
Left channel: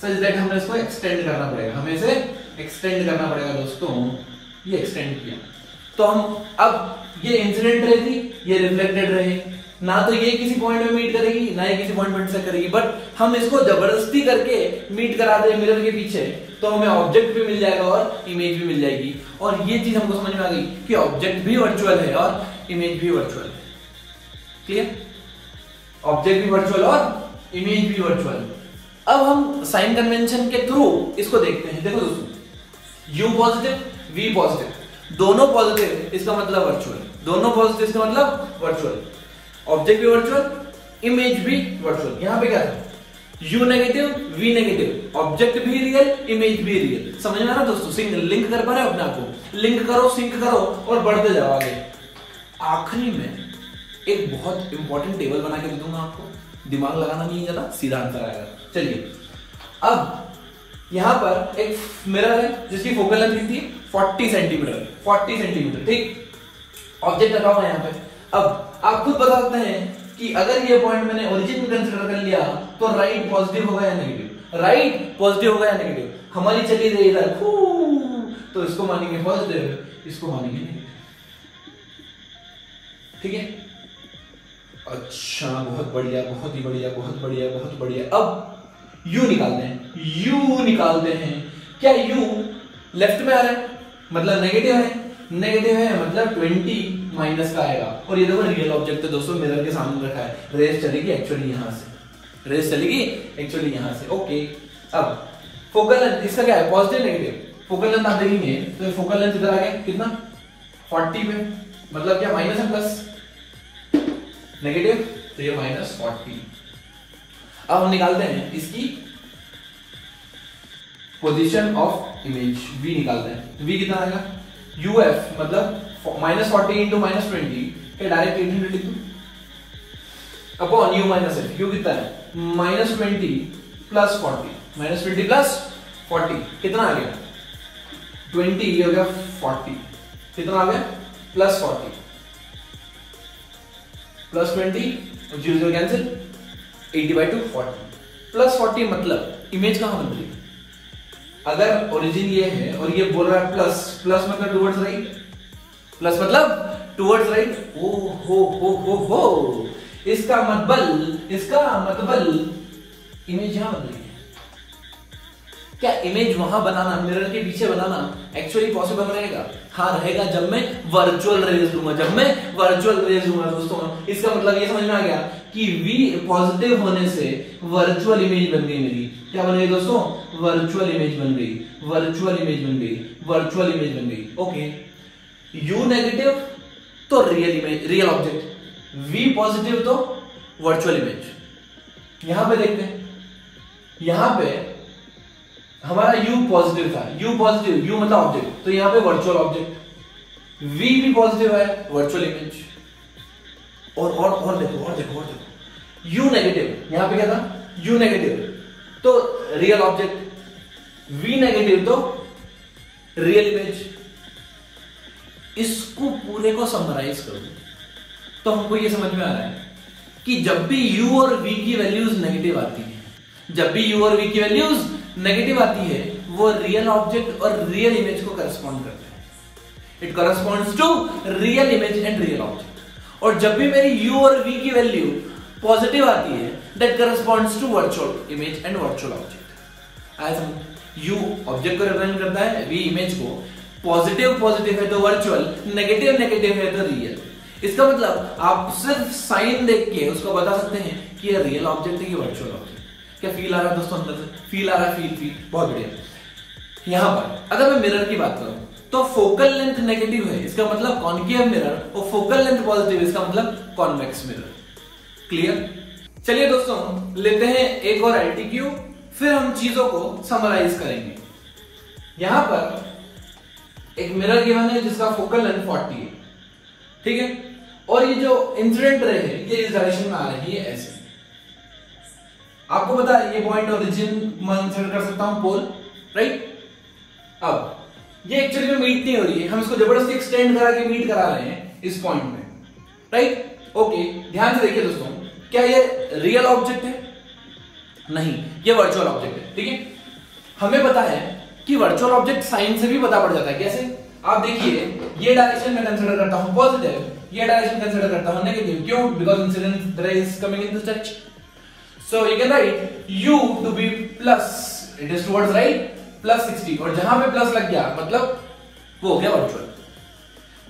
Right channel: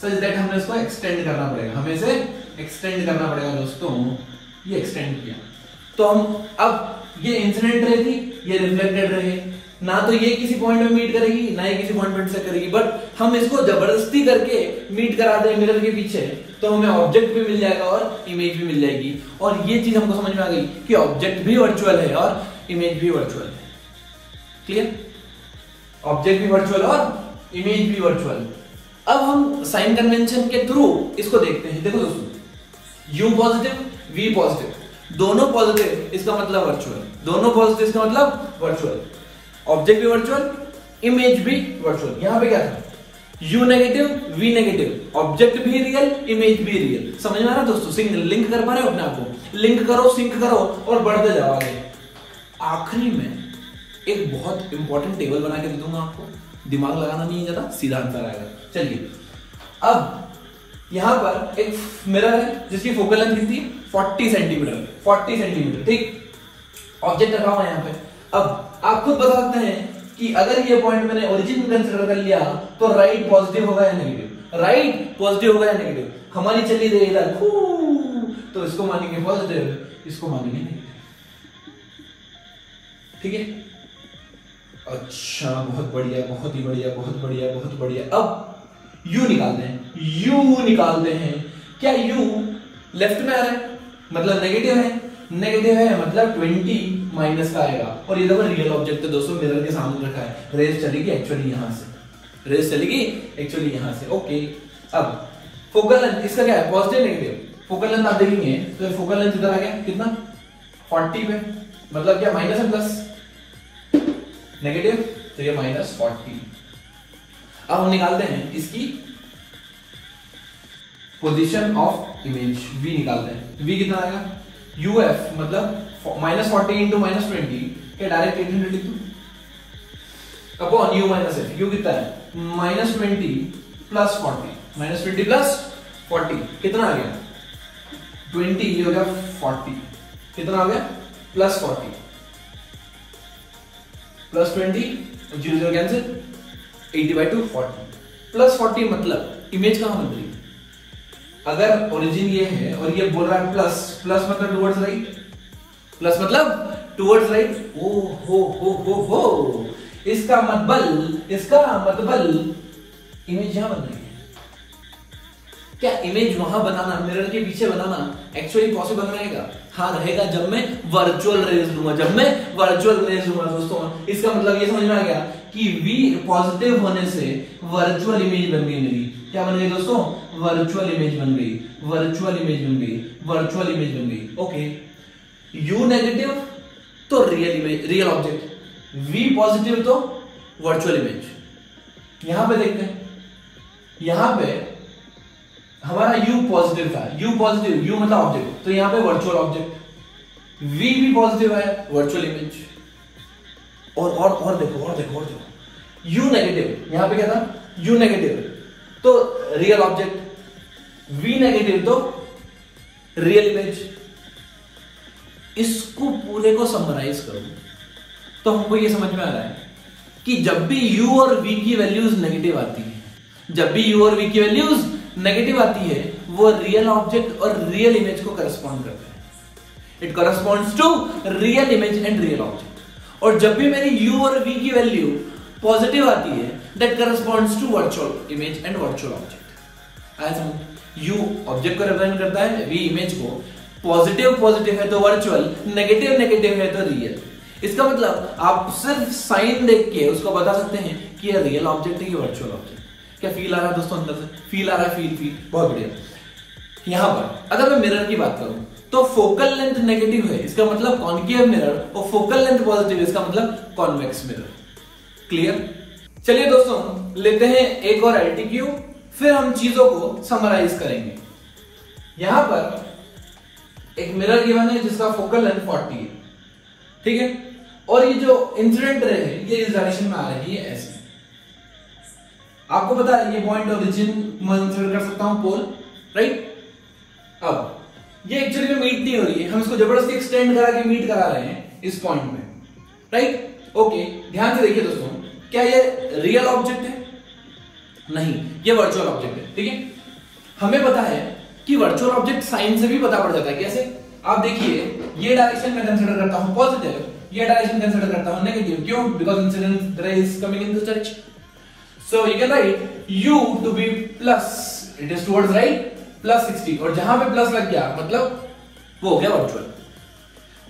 सच दैट हमने इसको एक्सटेंड करना पड़ेगा, हमें इसे एक्सटेंड करना पड़ेगा दोस्तों। ये एक्सटेंड किया तो हम, अब ये इंसिडेंट रे थी, ये रिफ्लेक्टेड रे है, ना तो ये किसी पॉइंट में मीट करेगी ना ये किसी पॉइंट में इंटरसेक्ट करेगी, बट हम इसको जबरदस्ती करके मीट करा दे मिरर के पीछे तो हमें ऑब्जेक्ट भी मिल जाएगा और इमेज भी मिल जाएगी। और ये चीज हमको समझ में आ गई कि ऑब्जेक्ट भी वर्चुअल है और इमेज भी वर्चुअल है। क्लियर? ऑब्जेक्ट भी वर्चुअल और इमेज भी वर्चुअल। अब हम साइन कन्वेंशन के थ्रू इसको देखते हैं। देखो दोस्तों, u पॉजिटिव v पॉजिटिव, दोनों पॉजिटिव, इसका मतलब वर्चुअल, दोनों पॉजिटिव इसका मतलब वर्चुअल। ऑब्जेक्ट भी वर्चुअल, इमेज भी वर्चुअल। यहां पे क्या था? U negative, V negative, object भी रियल, इमेज भी रियल। समझ में आ रहा दोस्तों? लिंक कर पा रहे हो अपने आप को? लिंक करो, सिंक करो और बढ़ते जाओ आगे। आखिरी में एक बहुत इंपॉर्टेंट टेबल बना के दे दूंगा आपको, दिमाग लगाना नहीं है ज्यादा, सीधा आंसर आएगा। चलिए, अब यहां पर एक मिरर है जिसकी फोकल लेंथ कितनी है? 40 सेंटीमीटर। 40 सेंटीमीटर, ठीक। ऑब्जेक्ट रखा हुआ है यहाँ पे। अब आप खुद बता सकते हैं कि अगर ये पॉइंट मैंने ओरिजिन कंसीडर कर लिया तो राइट पॉजिटिव होगा या नेगेटिव? राइट पॉजिटिव होगा या नेगेटिव? हमारी चली रही इधर, तो इसको मानेंगे पॉजिटिव, इसको मानेंगे नेगेटिव। ठीक है? अच्छा, बहुत बढ़िया, बहुत ही बढ़िया, बहुत बढ़िया, बहुत बढ़िया। अब U निकालते हैं। U निकालते हैं। क्या U लेफ्ट में आ रहा है मतलब नेगेटिव है? नेगेटिव है मतलब 20 माइनस का आएगा। और ये देखो रियल ऑब्जेक्ट है दोस्तों, मिरर के सामने रखा है। रेस चलेगी एक्चुअली यहां से, रेस चलेगी एक्चुअली यहां से। ओके, अब फोकल लेंथ इसका क्या है? Positive negative? फोकल लेंथ आप देखेंगे तो फोकल लेंथ इधर आ गया कितना? 40 पे, मतलब क्या माइनस है प्लस? नेगेटिव, तो ये -40। अब हम निकालते हैं इसकी पोजीशन ऑफ इमेज, V निकालते हैं। V कितना आएगा? UF मतलब -40 इंटू -20 के डायरेक्ट इंटीग्रेट लिख दूं upon U minus F। U कितना है? -20 प्लस 40, -20 प्लस 40 कितना आ गया? 20, ये हो गया 40। कितना आ गया? प्लस 40 प्लस 20, 0 कैंसिल, 80/2 40 प्लस 40 मतलब इमेज कहां बन रही है? अगर ओरिजिन ये है और ये बोल रहा है प्लस, प्लस मतलब टुवर्ड्स राइट, प्लस मतलब टुवर्ड्स राइट। ओ हो, इसका मतलब इमेज यहां बन रही है। क्या इमेज वहां बनाना, मिरर के पीछे बनाना एक्चुअली पॉसिबल रहेगा? हाँ रहेगा, जब मैं वर्चुअल रेज दूंगा, जब मैं वर्चुअल रेज दूंगा दोस्तों। इसका मतलब ये समझ में आ गया कि V पॉजिटिव होने से वर्चुअल इमेज बन गई मेरी। क्या बन गई दोस्तों? वर्चुअल इमेज बन गई, वर्चुअल इमेज बन गई, वर्चुअल इमेज बन गई। ओके, U नेगेटिव तो real image, real object. V positive तो वर्चुअल इमेज। यहां पे देखते हैं, यहां पे हमारा U पॉजिटिव था, U पॉजिटिव, U मतलब ऑब्जेक्ट, तो यहां पे वर्चुअल ऑब्जेक्ट। V भी पॉजिटिव है, वर्चुअल इमेज। और देखो U नेगेटिव, यहां पे क्या था? U नेगेटिव तो रियल ऑब्जेक्ट, V नेगेटिव तो रियल इमेज। इसको पूरे को समराइज करूं तो हमको ये समझ में आ रहा है कि जब भी U और V की वैल्यूज नेगेटिव आती है, जब भी U और V की वैल्यूज नेगेटिव आती है, वो रियल ऑब्जेक्ट और रियल इमेज को करस्पॉन्ड करते हैं। It corresponds to real image and real object. और जब भी मेरी U और V की वैल्यू पॉजिटिव आती है, that corresponds to virtual image and virtual object. आया समझ? U ऑब्जेक्ट को रिप्रेजेंट करता है, V इमेज को। पॉजिटिव है तो वर्चुअल, नेगेटिव है तो रियल। इसका मतलब आप सिर्फ साइन देख के उसको बता सकते हैं कि ये रियल ऑब्जेक्ट है, ये वर्चुअल ऑब्जेक्ट। क्या फील आ रहा है दोस्तों? अंदर से फील आ रहा है? फील बहुत बढ़िया। यहां पर अगर मैं मिरर की बात करूं तो फोकल लेंथ नेगेटिव है, इसका मतलब कॉनकेव मिरर, और फोकल लेंथ पॉजिटिव है, इसका मतलब कॉन्वेक्स मिरर। क्लियर? चलिए दोस्तों, लेते हैं एक और एलटीक्यू, फिर हम चीजों को समराइज करेंगे। यहां पर एक मिरर गिवन है जिसका फोकल लेंथ 40 है, ठीक है? और ये जो इंसिडेंट रे है ये इस डायरेक्शन में आ रही है, ऐसे। आपको पता है ये पॉइंट ओरिजिन मैं कंसीडर कर सकता हूं पोल, राइट? अब ये एक्चुअली में मीट नहीं हो रही है, हम इसको जबरदस्ती एक्सटेंड करा के मीट करा रहे हैं इस पॉइंट में, राइट? ओके, ध्यान से देखिए दोस्तों, क्या ये रियल ऑब्जेक्ट है? नहीं, ये वर्चुअल ऑब्जेक्ट है, ठीक है? हमें पता है कि वर्चुअल ऑब्जेक्ट साइन से भी पता पड़ जाता है। कैसे? आप देखिए, ये डायरेक्शन में कंसीडर करता हूं पॉजिटिव, ये डायरेक्शन कंसीडर करता हूं नेगेटिव। क्यों? Because incident ray is coming in this direction. So you can write U to be plus, it is towards right, plus 60, और जहां पे प्लस लग गया मतलब वो हो गया वर्चुअल।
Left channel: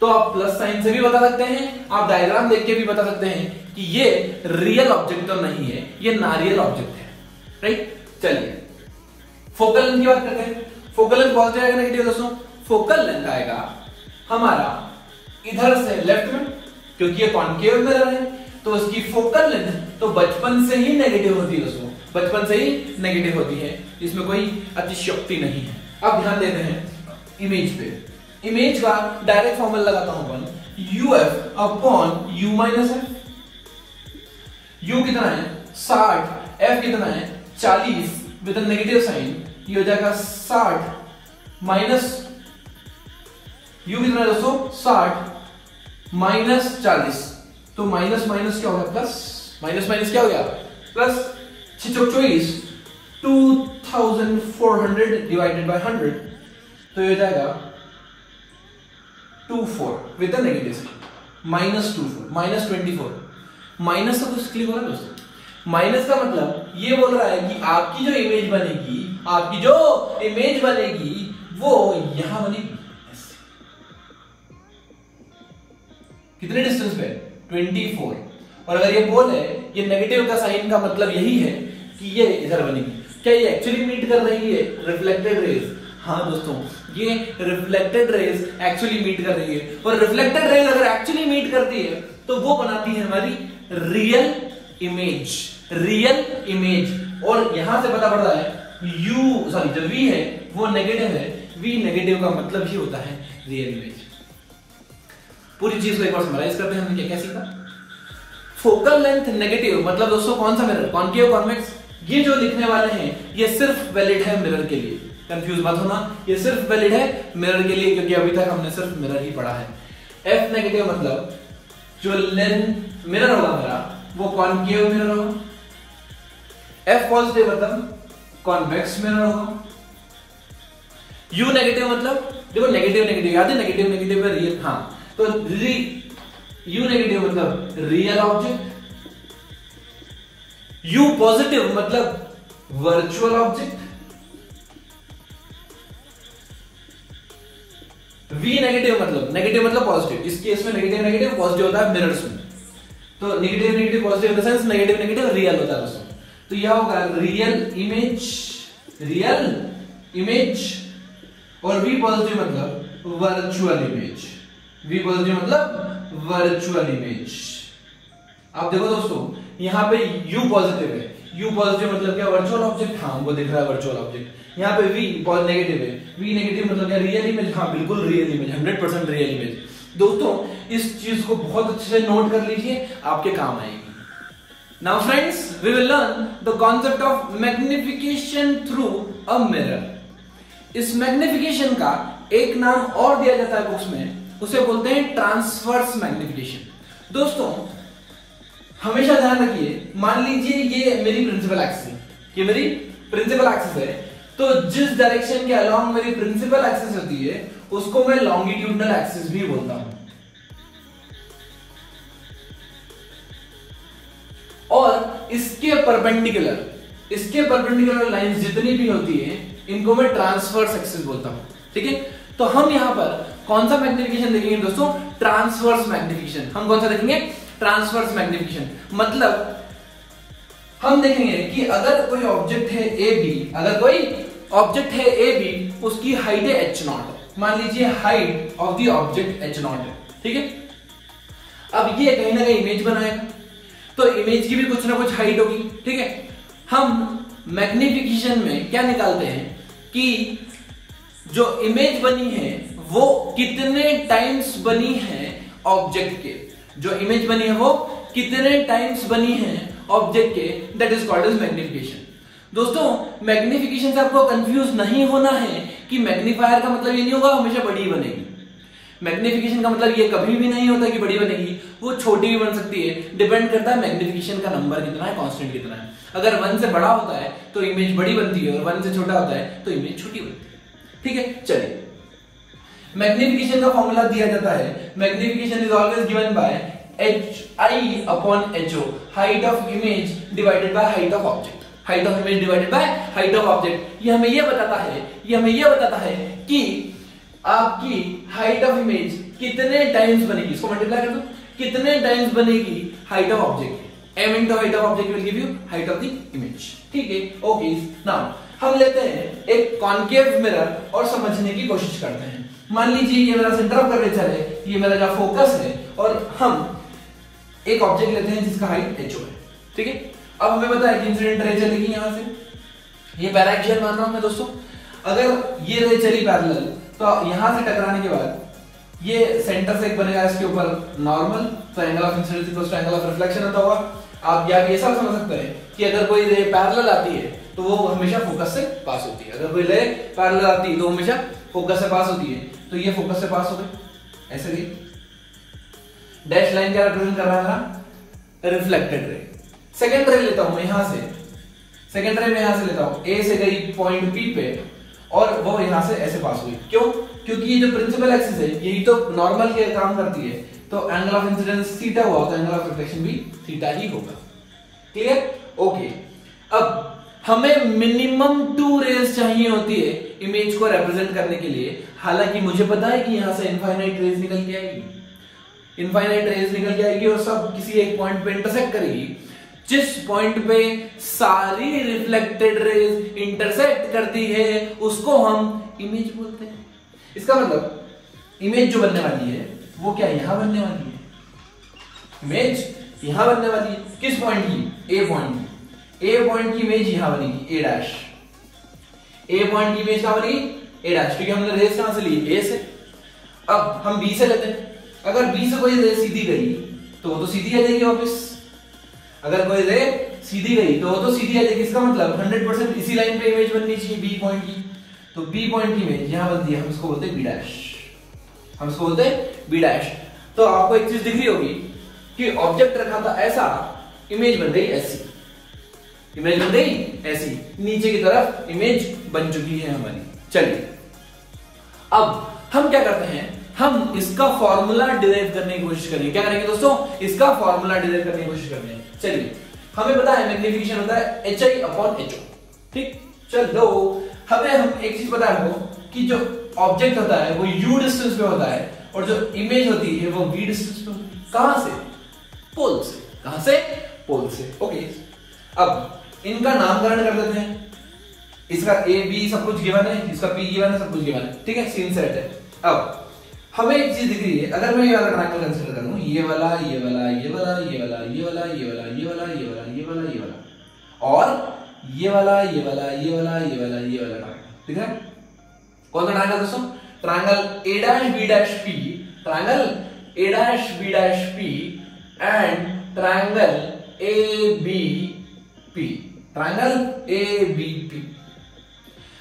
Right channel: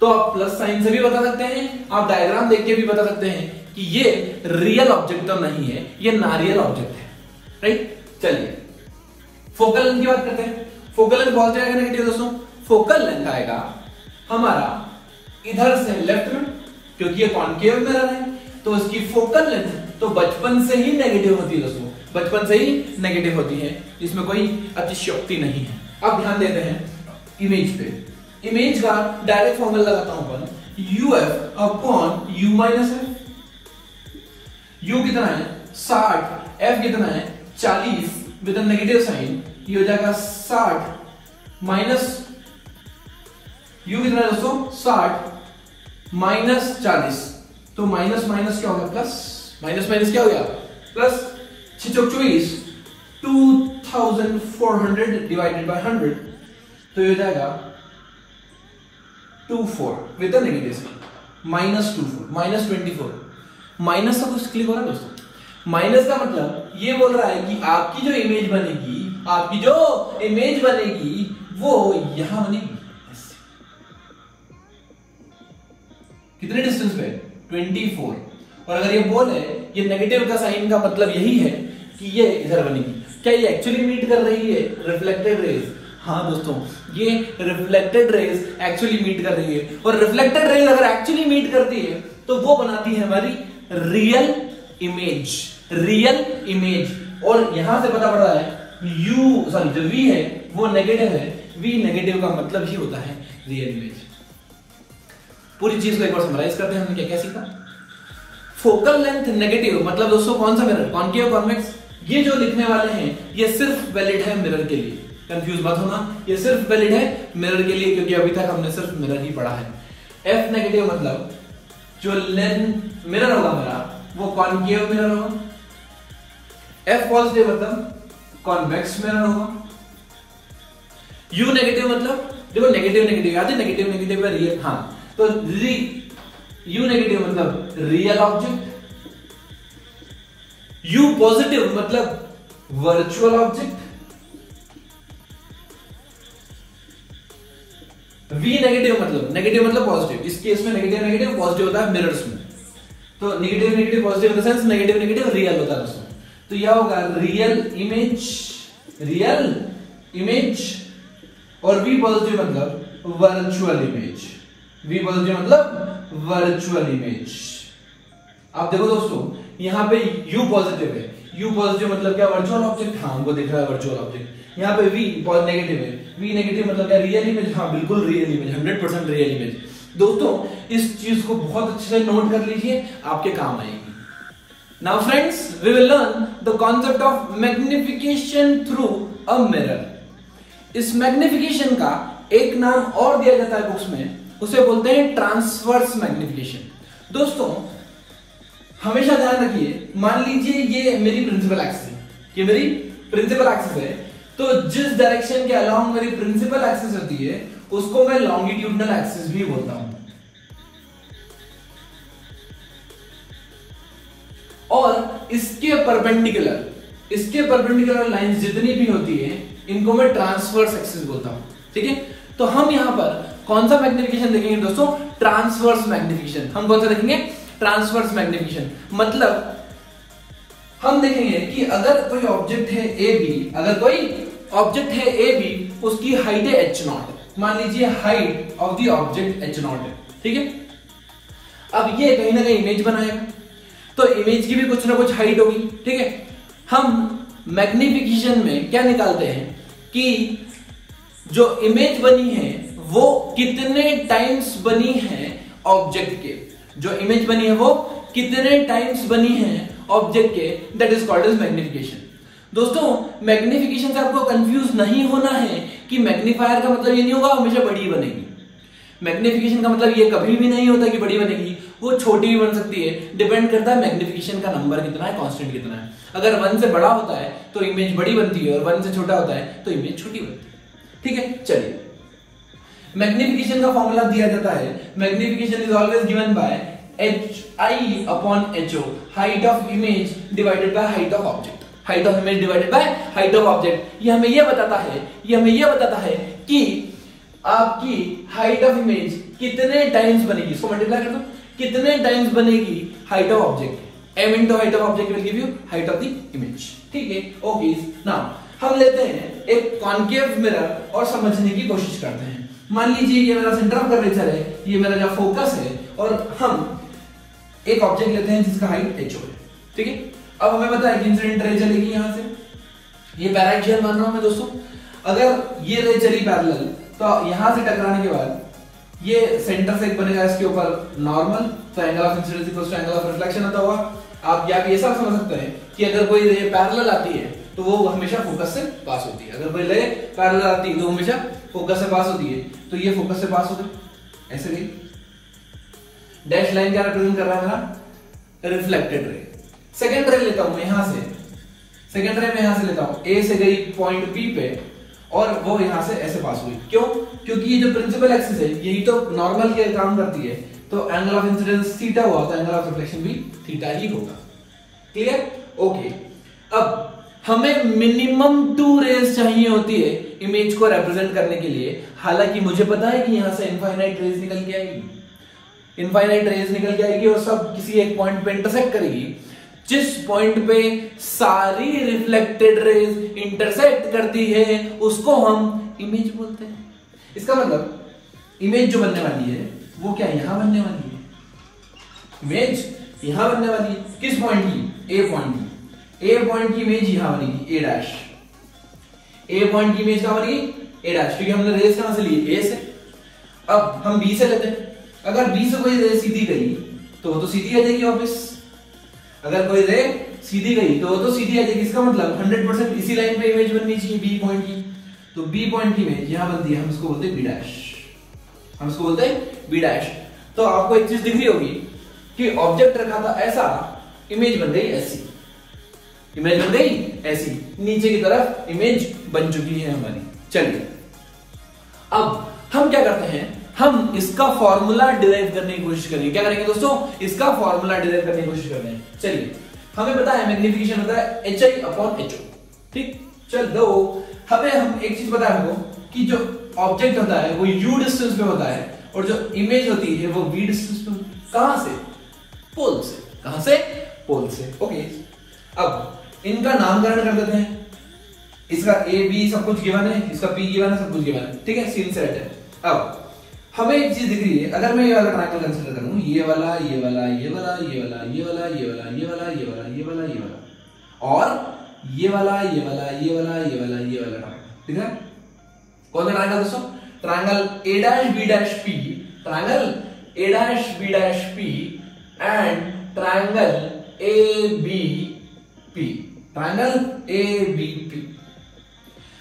तो आप प्लस साइन से भी बता सकते हैं, आप डायग्राम देख के भी बता सकते हैं कि ये रियल ऑब्जेक्ट तो नहीं है, ये नारियल ऑब्जेक्ट है, राइट? चलिए फोकल लेंथ की बात करते हैं। फोकल लेंथ पॉजिटिव आएगा नेगेटिव दोस्तों? फोकल लेंथ आएगा हमारा इधर से लेफ्ट में, क्योंकि ये कॉनकेव मिरर है तो इसकी फोकल लेंथ तो बचपन से ही नेगेटिव होती है दोस्तों। बचपन से ही नेगेटिव होती है, इसमें कोई अतिशयोक्ति नहीं है। अब ध्यान देते हैं इमेज पे। इमेज का डायरेक्ट फॉर्मूला लगाता हूं अपन, uf upon u minus f। u कितना है 60, f कितना है 40 विद नेगेटिव साइन, ये हो जाएगा 60 माइनस u कितना है दोस्तों 60 माइनस 40, तो माइनस माइनस क्या होगा प्लस, माइनस माइनस क्या हो गया प्लस, 624 2400 डिवाइडेड बाय 100, तो ये हो जाएगा 24 with negative sign minus 24 minus 24। Minus का कुछ क्लिक हो रहा है दोस्तों। माइनस का मतलब ये बोल रहा है कि आपकी जो इमेज बनेगी, आपकी जो इमेज बनेगी वो यहां बनेगी, कितने डिस्टेंस पे 24। और अगर ये बोल है ये नेगेटिव का साइन का मतलब यही है कि ये इधर बनेगी। क्या ये एक्चुअली मीट कर रही है रिफ्लेक्टेड रेज? हाँ दोस्तों, ये रिफ्लेक्टेड रेज एक्चुअली मीट कर रही है, और रिफ्लेक्टेड रेज अगर एक्चुअली मीट करती है तो वो बनाती है हमारी रियल इमेज, रियल इमेज। और यहां से पता पड़ रहा है जो v है वो नेगेटिव है, v नेगेटिव का मतलब ही होता है रियल इमेज। पूरी चीज को एक बार समराइज करते हैं, हमने क्या क्या सीखा। फोकल लेंथ नेगेटिव मतलब दोस्तों कौन सा मिरर, कॉनकेव कॉन्वेक्स। ये जो लिखने वाले हैं ये सिर्फ वैलिड है मिरर के लिए, कंफ्यूज मत होना, ये सिर्फ वैलिड है मिरर के लिए, क्योंकि अभी तक हमने सिर्फ मिरर ही पढ़ा है। एफ नेगेटिव मतलब जो लेंथ मिरर होगा मेरा वो कॉनकेव मिरर होगा। एफ पॉजिटिव मतलब कॉन्वेक्स मिरर होगा। यू नेगेटिव मतलब देखो नेगेटिव नेगेटिव याद है, नेगेटिव नेगेटिव है रियल, हाँ तो यू नेगेटिव मतलब रियल ऑब्जेक्ट। यू पॉजिटिव मतलब वर्चुअल ऑब्जेक्ट। वी नेगेटिव मतलब पॉजिटिव। इस केस में नेगेटिव नेगेटिव पॉजिटिव होता है मिरर्स में, तो negative negative positive in the sense negative negative real होता है उसमें। तो यह होगा रियल इमेज। और वी पॉजिटिव मतलब वर्चुअल इमेज। वी पॉजिटिव मतलब वर्चुअल इमेज। आप देखो दोस्तों यहां पे U पॉजिटिव है, U पॉजिटिव मतलब क्या वर्चुअल ऑब्जेक्ट, हाँ वो दिख रहा है वर्चुअल ऑब्जेक्ट। यहाँ पे V नेगेटिव है, V नेगेटिव मतलब क्या रियल इमेज, हाँ बिल्कुल रियल इमेज, 100% रियल इमेज। दोस्तों इस चीज को बहुत अच्छे से नोट कर लीजिए, आपके काम आएगी। Now friends we will learn the concept of magnification through a mirror. इस मैग्निफिकेशन का एक नाम और दिया जाता है बुक्स में, उसे बोलते हैं ट्रांसवर्स मैग्निफिकेशन। दोस्तों हमेशा ध्यान रखिए, मान लीजिए ये मेरी प्रिंसिपल एक्सिस है, ये मेरी प्रिंसिपल एक्सिस है, तो जिस डायरेक्शन के अलोंग मेरी प्रिंसिपल एक्सिस होती है उसको मैं लॉन्गिट्यूडनल एक्सिस भी बोलता हूं। और इसके परपेंडिकुलर लाइंस जितनी भी होती है इनको मैं ट्रांसवर्स एक्सिस बोलता हूं, ठीक है। तो हम यहां पर कौन सा मैग्निफिकेशन देखेंगे दोस्तों, ट्रांसवर्स मैग्निफिकेशन। हम कौन सा देखेंगे, ट्रांसवर्स मैग्निफिकेशन। मतलब हम देखेंगे कि अगर कोई ऑब्जेक्ट है ए बी, उसकी हाइट है h0, मान लीजिए height of the object h0 है, ठीक है। अब ये कहीं ना कहीं इमेज बनाएगा, तो इमेज की भी कुछ ना कुछ हाइट होगी, ठीक है। हम मैग्निफिकेशन में क्या निकालते हैं कि जो इमेज बनी है वो कितने टाइम्स बनी है ऑब्जेक्ट के, जो इमेज बनी है वो कितने टाइम्स बनी है ऑब्जेक्ट के, that is called as magnification. दोस्तों मैग्निफिकेशन से आपको कंफ्यूज नहीं होना है कि मैग्नीफायर का मतलब ये नहीं होगा हमेशा बड़ी बनेगी। मैग्निफिकेशन का मतलब ये कभी भी नहीं होता कि बड़ी बनेगी, वो छोटी भी बन सकती है, डिपेंड करता है मैग्निफिकेशन का नंबर कितना है, कांस्टेंट कितना है। अगर 1 से बड़ा होता है तो इमेज बड़ी बनती है, और 1 से छोटा होता है तो इमेज छोटी बनती है, ठीक है। चलिए मैग्निफिकेशन का फॉर्मूला दिया जाता है, magnification is always given by HI upon HO, height of image divided by height of object. Height of image divided by height of object, ये हमें ये बताता है कि आपकी हाइट ऑफ इमेज कितने टाइम्स बनेगी, इसको मल्टीप्लाई कर दो, कितने टाइम्स बनेगी height of object. m into height of object will give you height of the image, ठीक है। ओके नाउ हम लेते हैं एक कॉनकेव मिरर और समझने की कोशिश करते हैं। मान लीजिए ये मेरा सेंटर ऑफ कर्वेचर है, ये मेरा जहां फोकस है, और हम एक ऑब्जेक्ट लेते हैं जिसका हाइट h है, ठीक है। अब हमें पता है कि इंसिडेंट रे चलेगी यहां से, ये पैराएक्सियल मान रहा हूं मैं दोस्तों। अगर ये रे चली पैरेलल तो यहां से टकराने के बाद ये सेंटर से एक बनेगा इसके ऊपर नॉर्मल, तो angle of incidence equals to angle of reflection होता होगा। आप या भी ऐसा समझ सकते हैं कि अगर कोई रे पैरेलल आती है तो वो हमेशा फोकस से पास होती है, अगर कोई रे पैरेलल आती है तो हमेशा फोकस से पास होती है। तो ये फोकस से पास हो गई, ऐसे गई। डैश लाइन क्या रिप्रेजेंट कर रहा है मेरा? Reflected ray. सेकेंड रे लेता हूं मैं यहां से, सेकेंड रे में यहां से लेता हूं, ए से गई पॉइंट बी पे और वो यहां से ऐसे पास हुई। क्यों? क्योंकि ये जो प्रिंसिपल एक्सिस है यही तो नॉर्मल के काम करती है, तो एंगल ऑफ इंसिडेंस थीटा हुआ तो एंगल ऑफ रिफ्लेक्शन भी थीटा ही होगा। क्लियर? ओके। अब हमें मिनिमम 2 रेज चाहिए होती है इमेज को रिप्रेजेंट करने के लिए। हालांकि मुझे पता है कि यहां से इनफाइनाइट रेज निकल के आएगी, इनफाइनाइट रेज निकल के आएगी और सब किसी एक पॉइंट पे इंटरसेक्ट करेगी। जिस पॉइंट पे सारी रिफ्लेक्टेड रेज इंटरसेक्ट करती है उसको हम इमेज बोलते हैं। इसका मतलब इमेज जो बनने वाली है वो क्या यहां बनने वाली है, इमेज यहां बनने वाली है। किस पॉइंट की? ए पॉइंट की। ए पॉइंट की इमेज यहां बनेगी, ए डैश। ए पॉइंट की इमेज कहां बनेगी? ए डैश, क्योंकि हमने रेज कहां से ली? ए से। अब हम बी से लेते हैं, अगर बी से कोई रेज सीधी गई तो वो तो सीधी आ जाएगी वापस। अगर कोई रे सीधी गई तो वो तो सीधी आ जाएगी। इसका मतलब 100% इसी लाइन पे इमेज बननी चाहिए बी पॉइंट की। तो बी पॉइंट की इमेज यहां बनती है, हम इसको बोलते हैं बी डैश, हम इसको बोलते हैं बी डैश। तो आपको एक चीज दिख रही होगी कि ऑब्जेक्ट रखा था ऐसा, इमेज बन गई ऐसी, इमेज बन गई ऐसी, नीचे की तरफ इमेज बन चुकी है हमारी। चलिए अब हम क्या करते हैं, हम इसका फॉर्मूला डिराइव करने की कोशिश करेंगे। क्या करेंगे दोस्तों? इसका फॉर्मूला डिराइव करने की कोशिश करते हैं। चलिए, हमें पता है मैग्निफिकेशन होता है HI/HO। ठीक, चलो हम एक चीज पता है हमको कि जो ऑब्जेक्ट होता है वो u डिस्टेंस पे होता है और जो इमेज होती है वो v डिस्टेंस पे होती है। कहां से? पोल से। कहां से? पोल से। ओके, अब इनका नामकरण कर देते हैं। इसका a b सब कुछ गिवन है, इसका p गिवन है, सब कुछ गिवन है। ठीक है, सीन सेट है। अब हमें एक चीज दिख रही है, अगर मैं ये वाला ट्रायंगल कंसीडर करूं, ये वाला, ये वाला, ये वाला, ये वाला, ये वाला, ये वाला, ये वाला, ये वाला, ये वाला, ये वाला और ये वाला, ये वाला, ये वाला, ये वाला, ये वाला ट्रायंगल। ठीक है, कौन सा ट्रायंगल दोस्तों? Triangle A'(B'P, triangle A'(B'P and triangle ABP, triangle ABP।